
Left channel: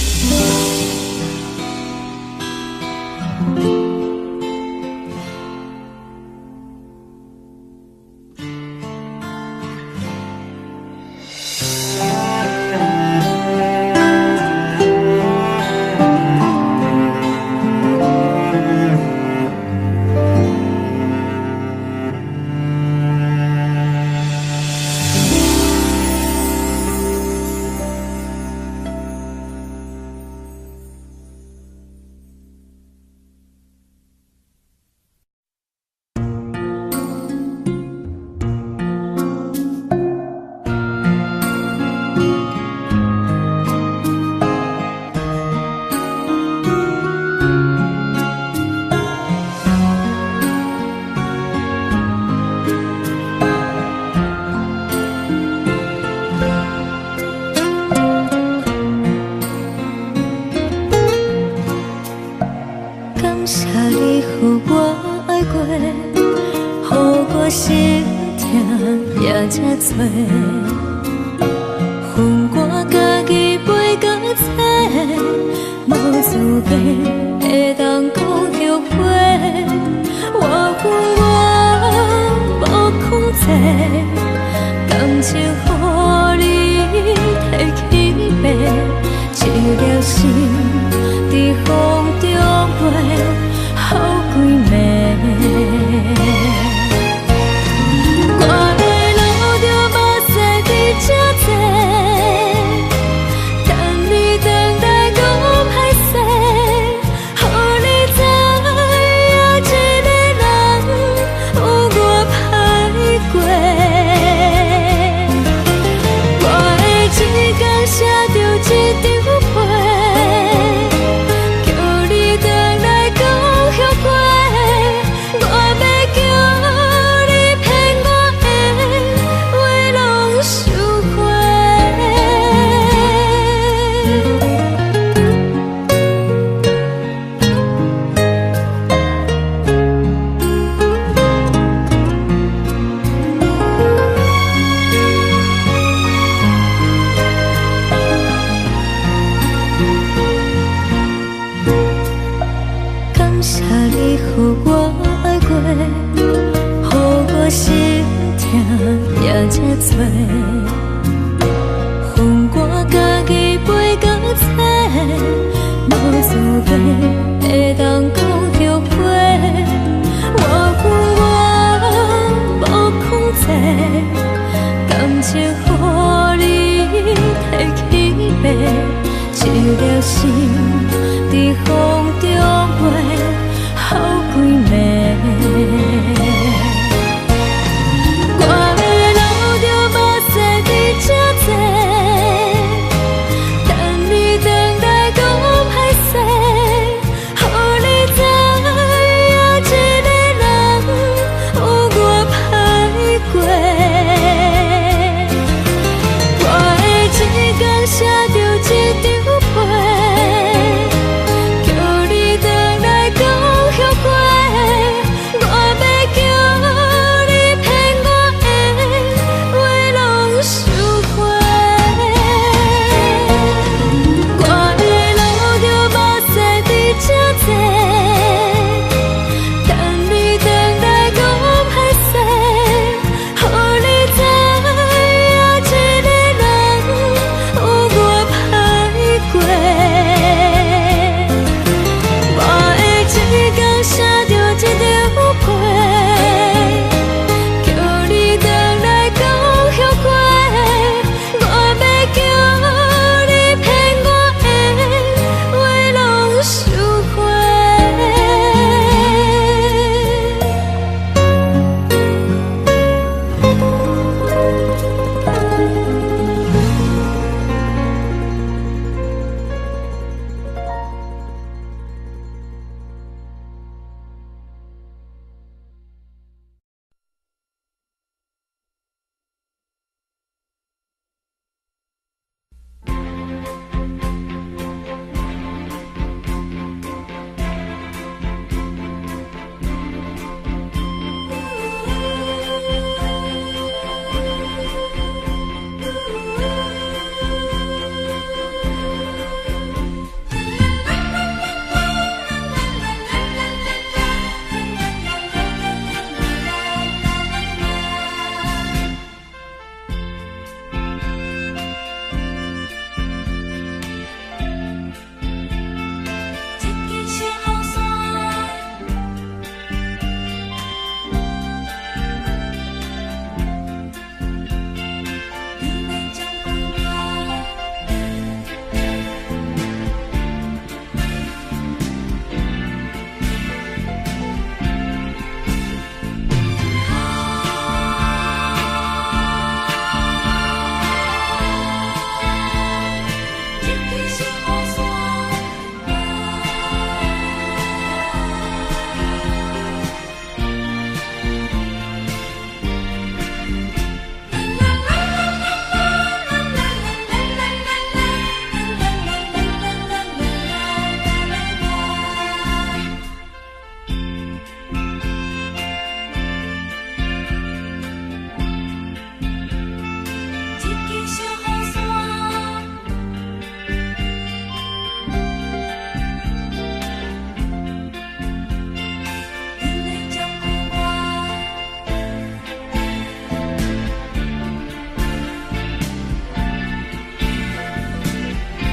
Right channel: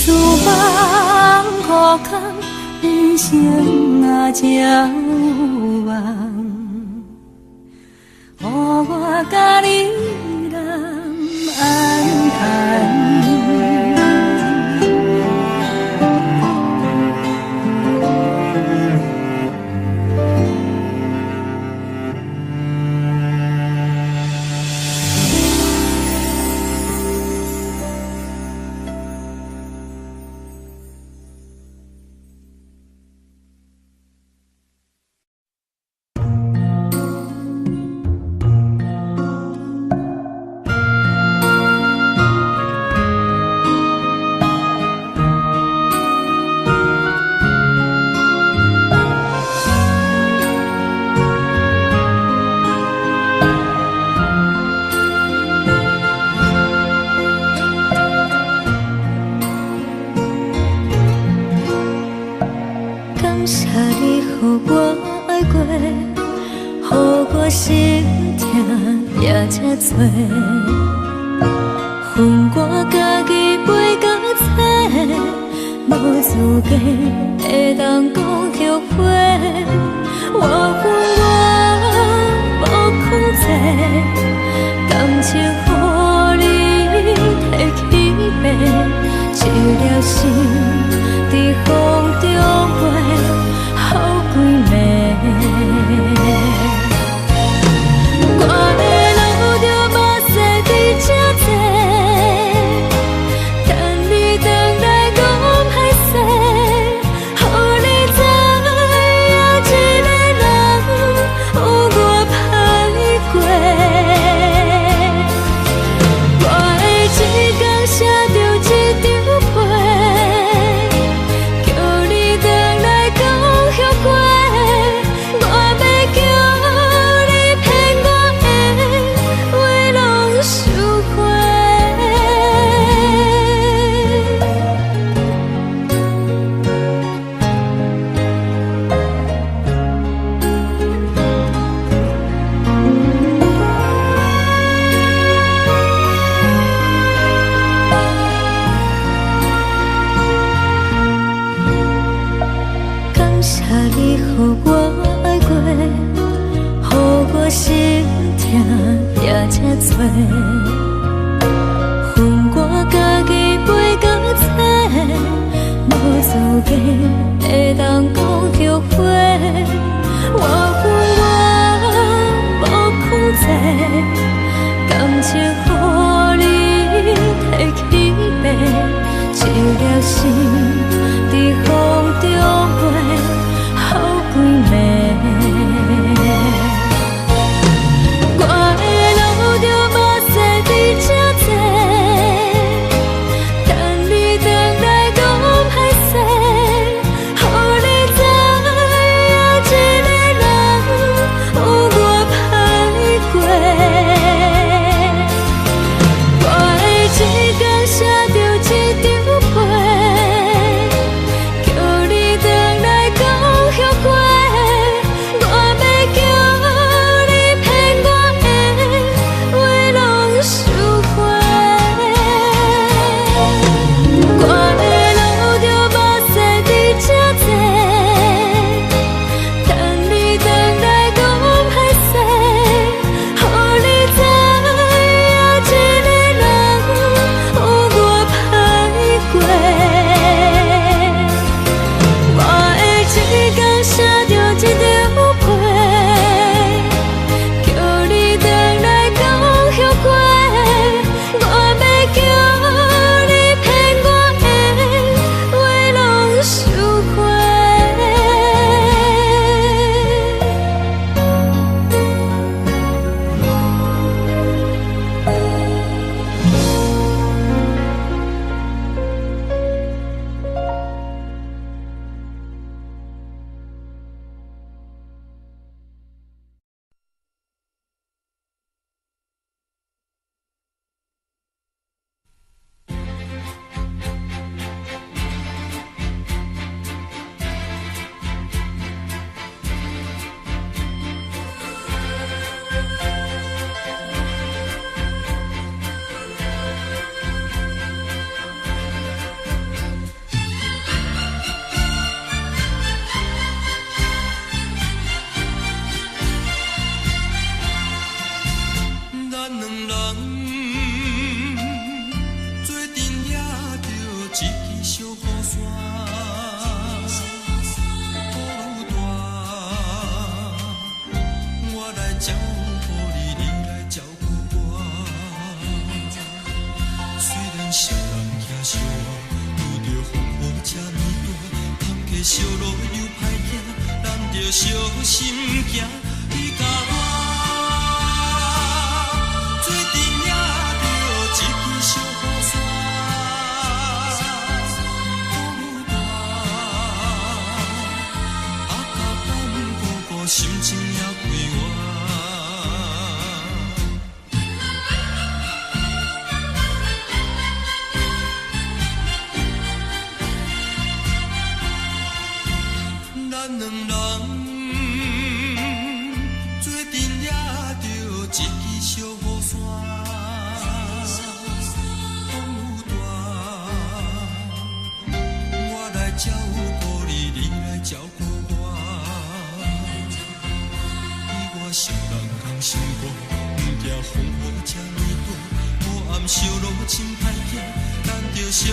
诉吧。心痛也这多，恨我家己袂到切，无资格会当讲后悔。我恨我无控制，感情予你提起白，一粒心在风中飞，好几暝。我的路着目屎在这多，等你回来讲歹势，予你知影一个人有我歹过。我的一天写着一张被，叫你回来讲后悔。我要叫你骗我的话拢收回。感谢你予我爱过，予我心痛也这多，恨我家己袂到切，无资格会当讲后悔。我恨我无控制，感情予你提起白，一粒心在风中飞，好几暝。我的路着目屎在这多，等你回来讲歹势，予你知影一个人有我歹过。我的一天写着一张被，叫你回来讲后悔。我要听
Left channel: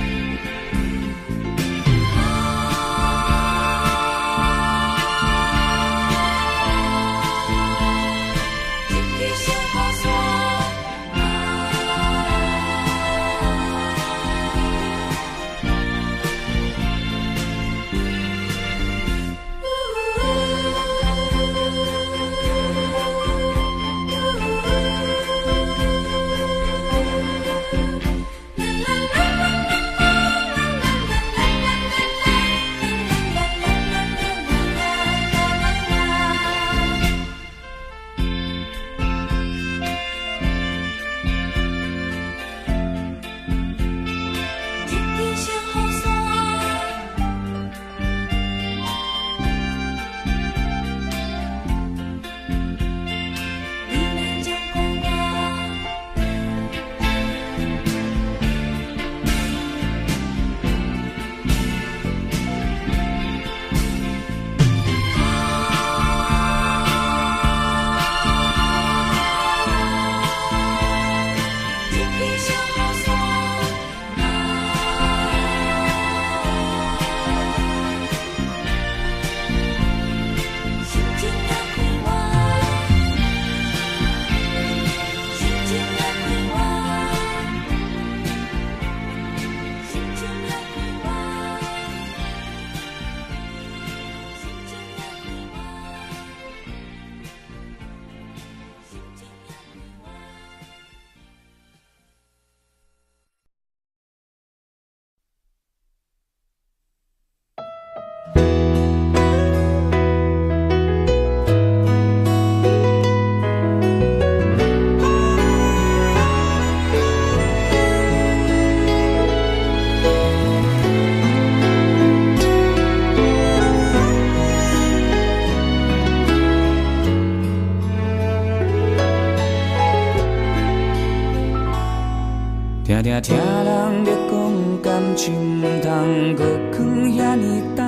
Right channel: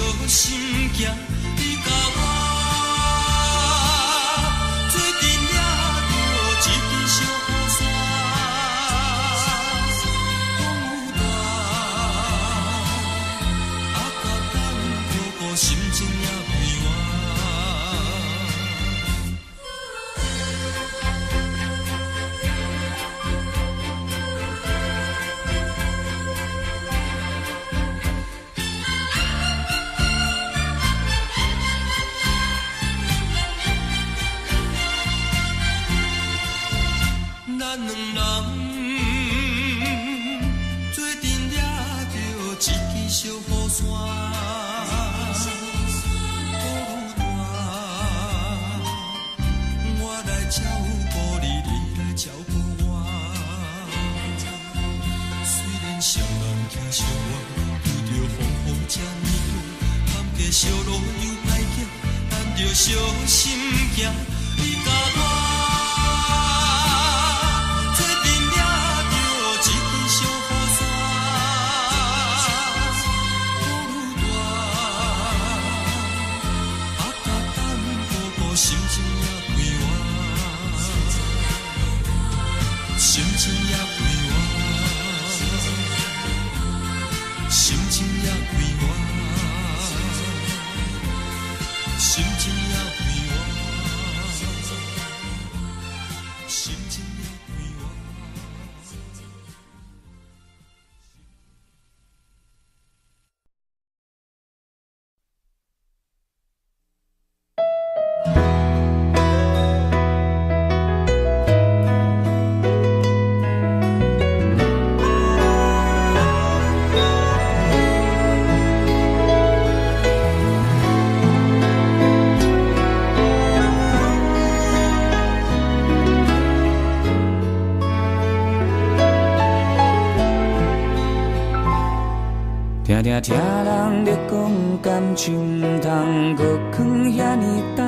听听人咧讲感情，毋通搁藏遐尼重，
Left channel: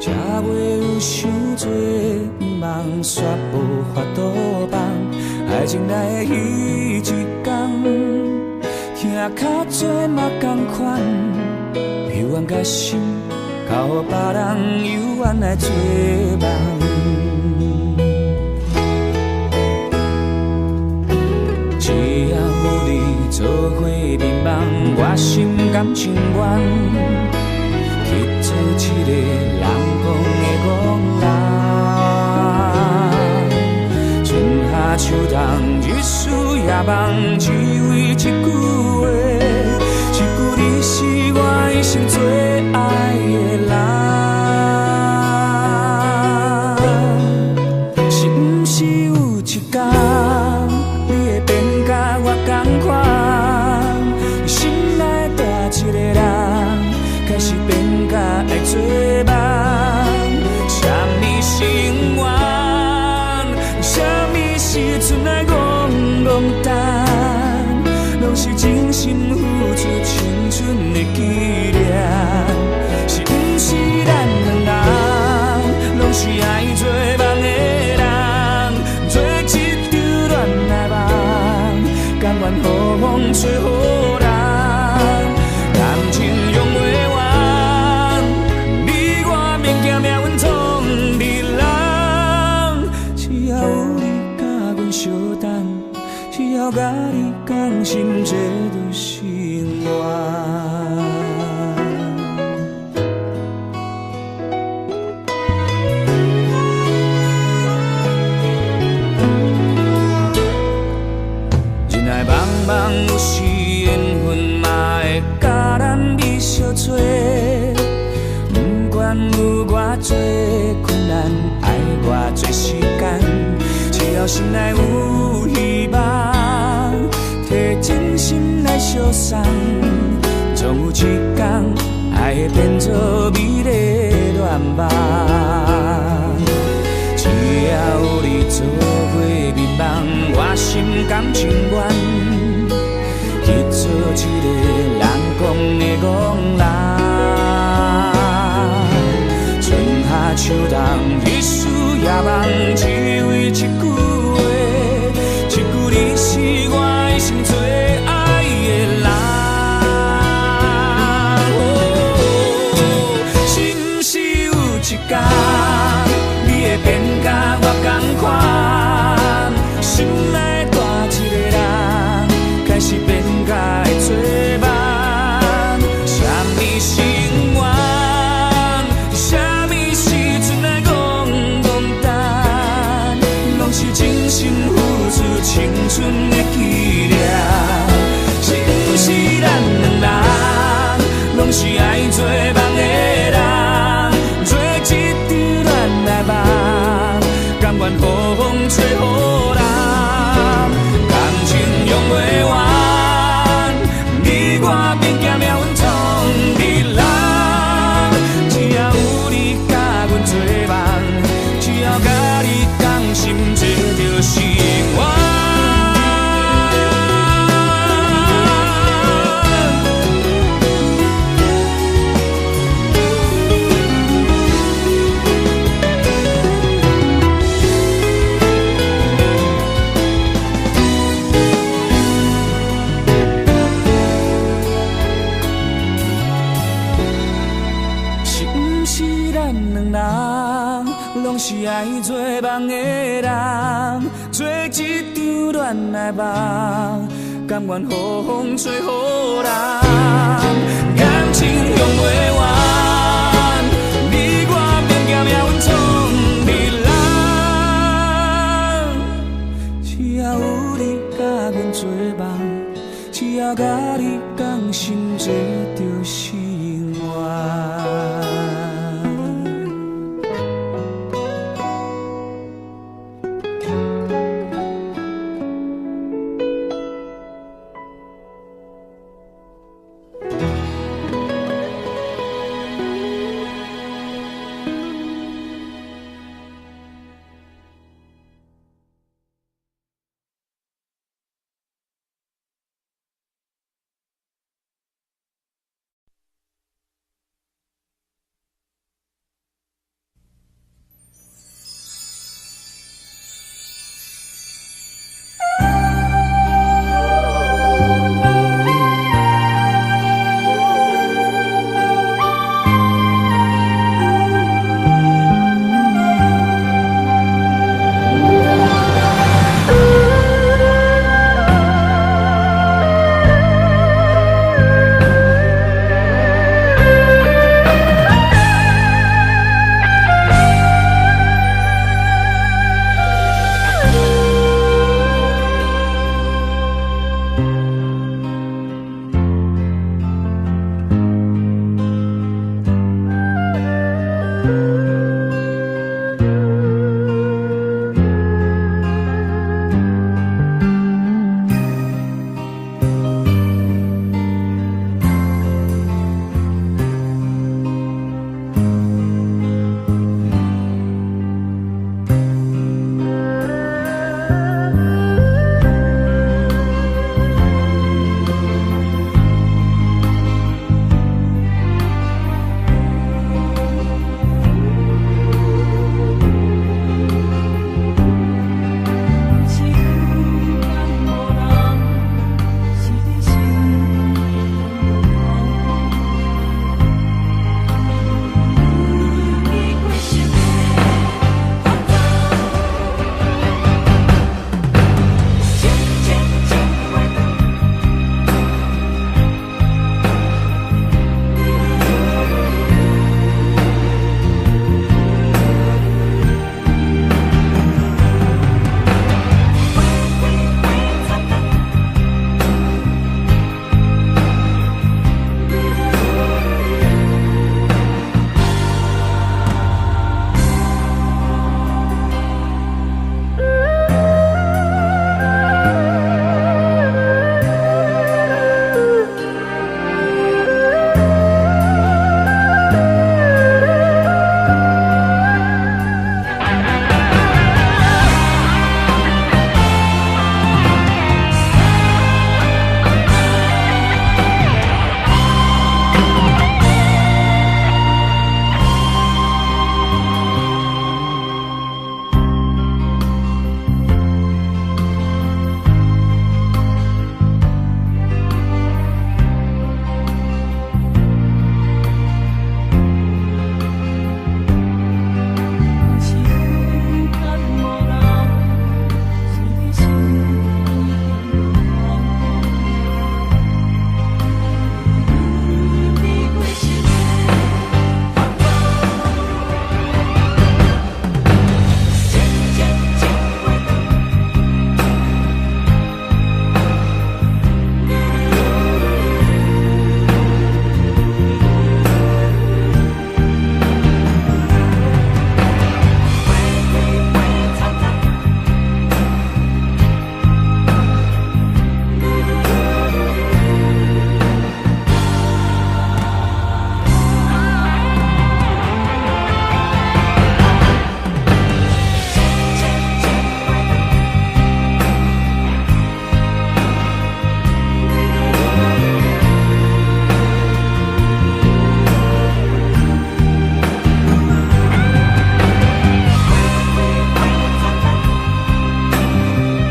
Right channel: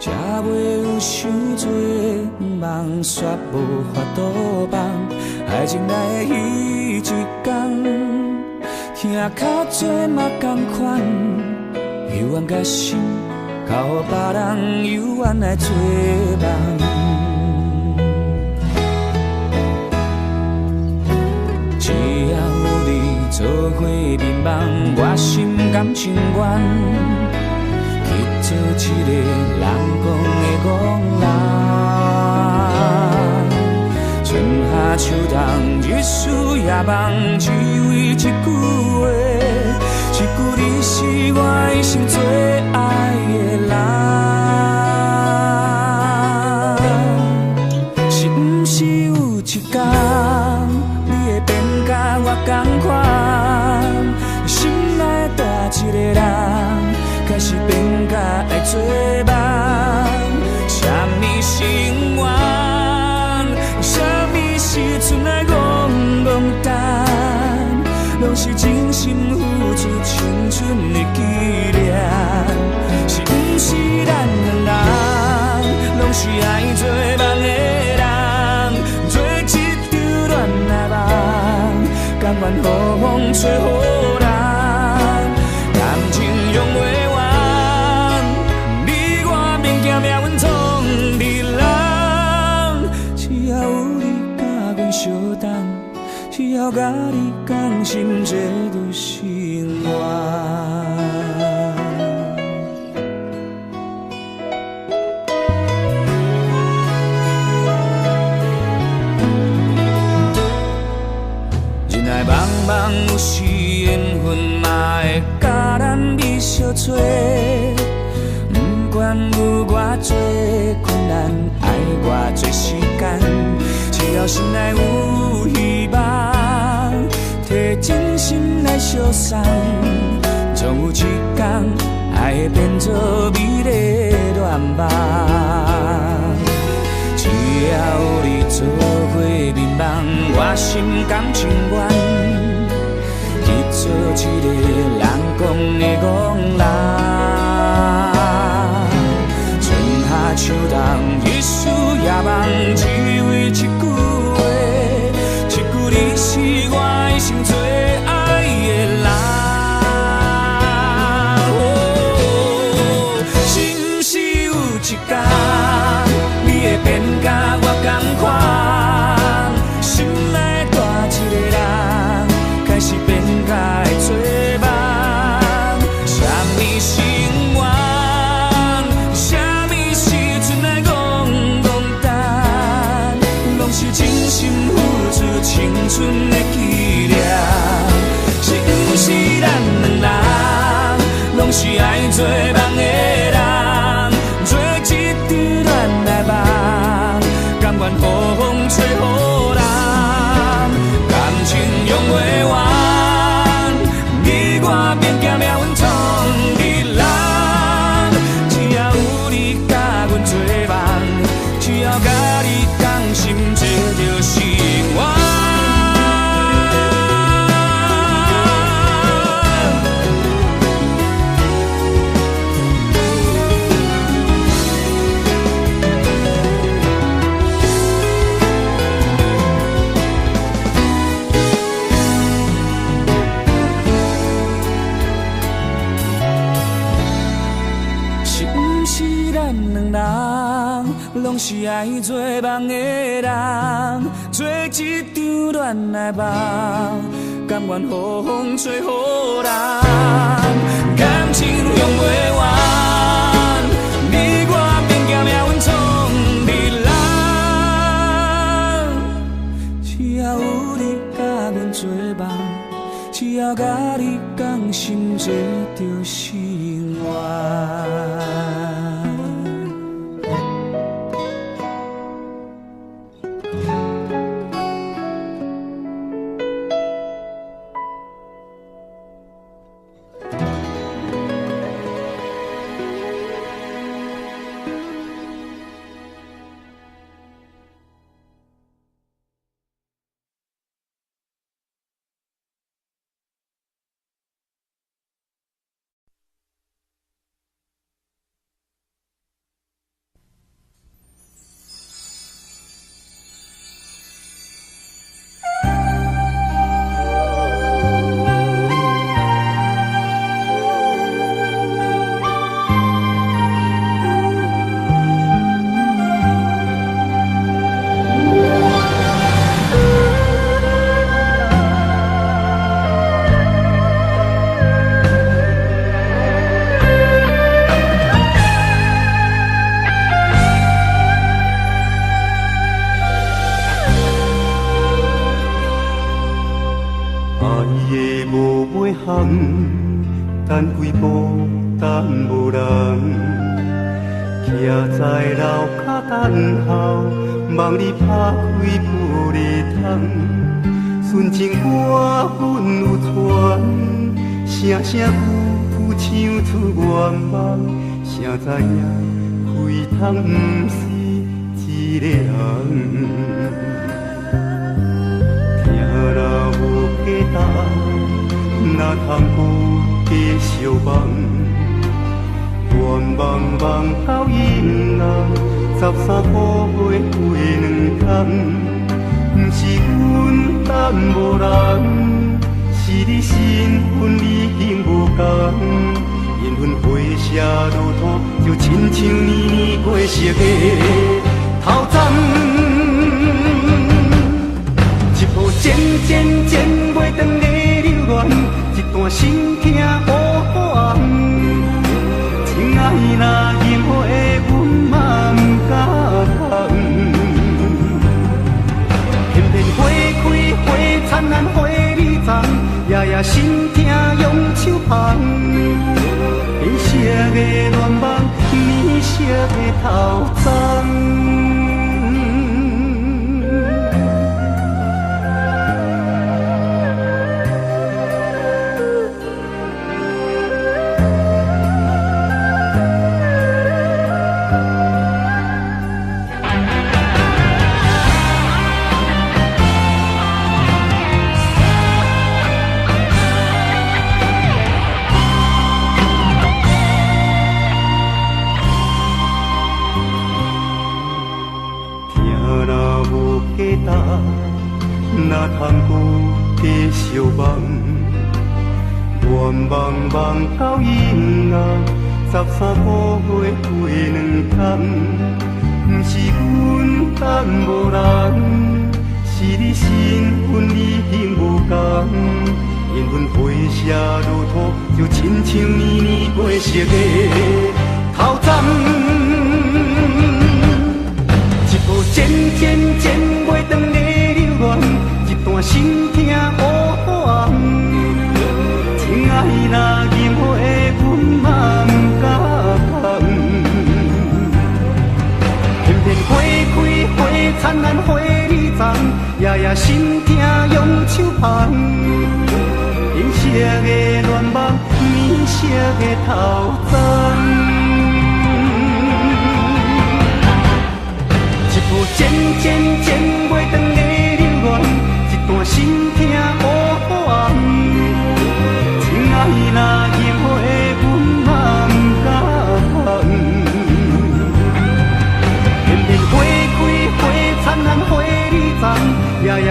才袂有伤多梦，煞无法度放。爱情来的彼一天，听较多嘛同款，幽怨甲心，靠予别人幽怨来做梦。只要有你做伙眠梦，我心甘情愿去做一个人讲的戆人。春夏秋冬，日思夜梦，只为一句话，一句你是我一生最爱的人。是毋是有一天？我同款，你心内大一个人，开始变甲爱做梦。啥物是永远？啥物是剩来戆戆等？拢是真心付出青春的纪念。是毋是咱两人，拢是爱做梦的人，做一场恋爱梦。甘愿予风吹予人，感情用袂完，你我免惊命运创你人。只要有你甲阮相等，只要甲你讲心这就成愿。梦有时缘分嘛会甲咱美相做，不管有偌多困难，爱偌多时间，只要心内有希望，摕真心来相送，总有一天爱会变作美丽恋梦。只要有你做伙眠梦，我心甘情愿。去做一个人讲的戆人，春夏秋冬，日思夜梦，只为一句话，一句你是我一生最爱的人。两人拢是爱做梦的人，做一场恋爱梦，甘愿予风吹予人，感情用袂完，你我免惊命运创日人，只要有你甲阮做梦，只要甲你讲心做着心愿。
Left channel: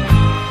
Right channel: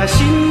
心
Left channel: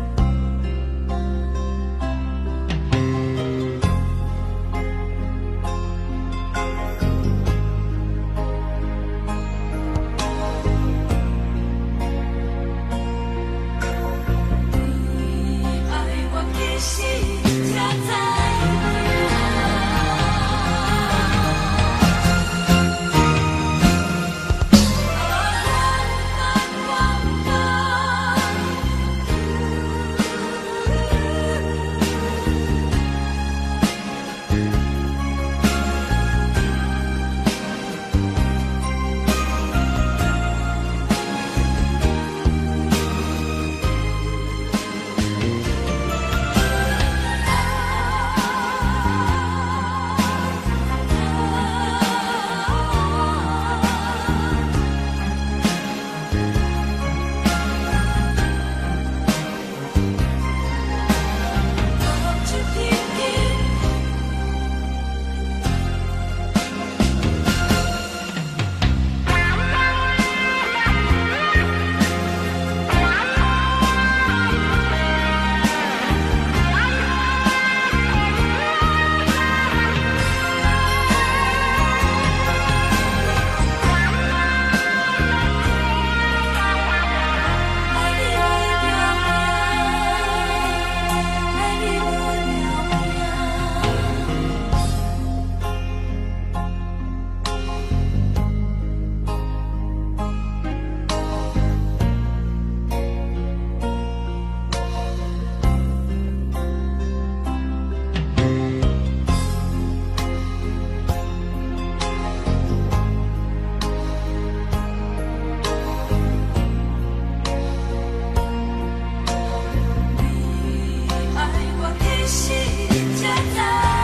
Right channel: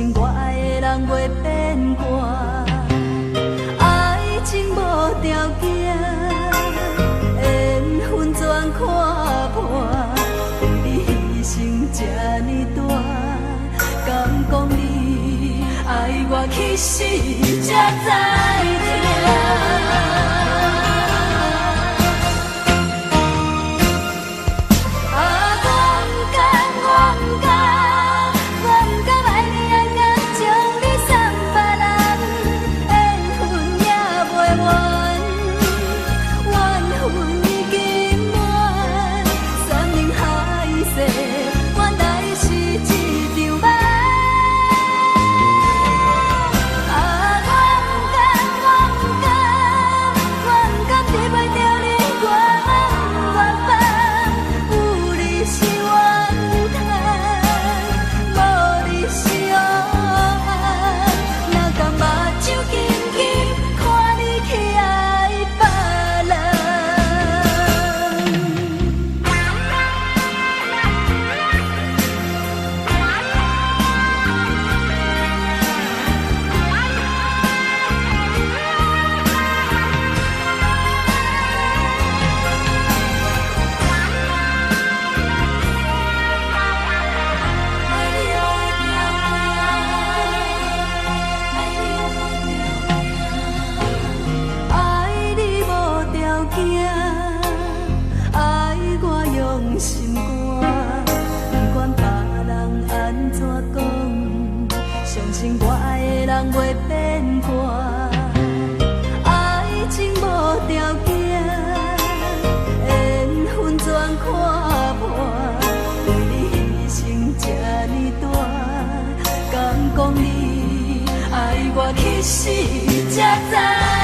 信我爱的人袂变卦，爱情无条件，缘分全看破，为你牺牲这呢大，敢讲你爱我去死才知疼。去死才知。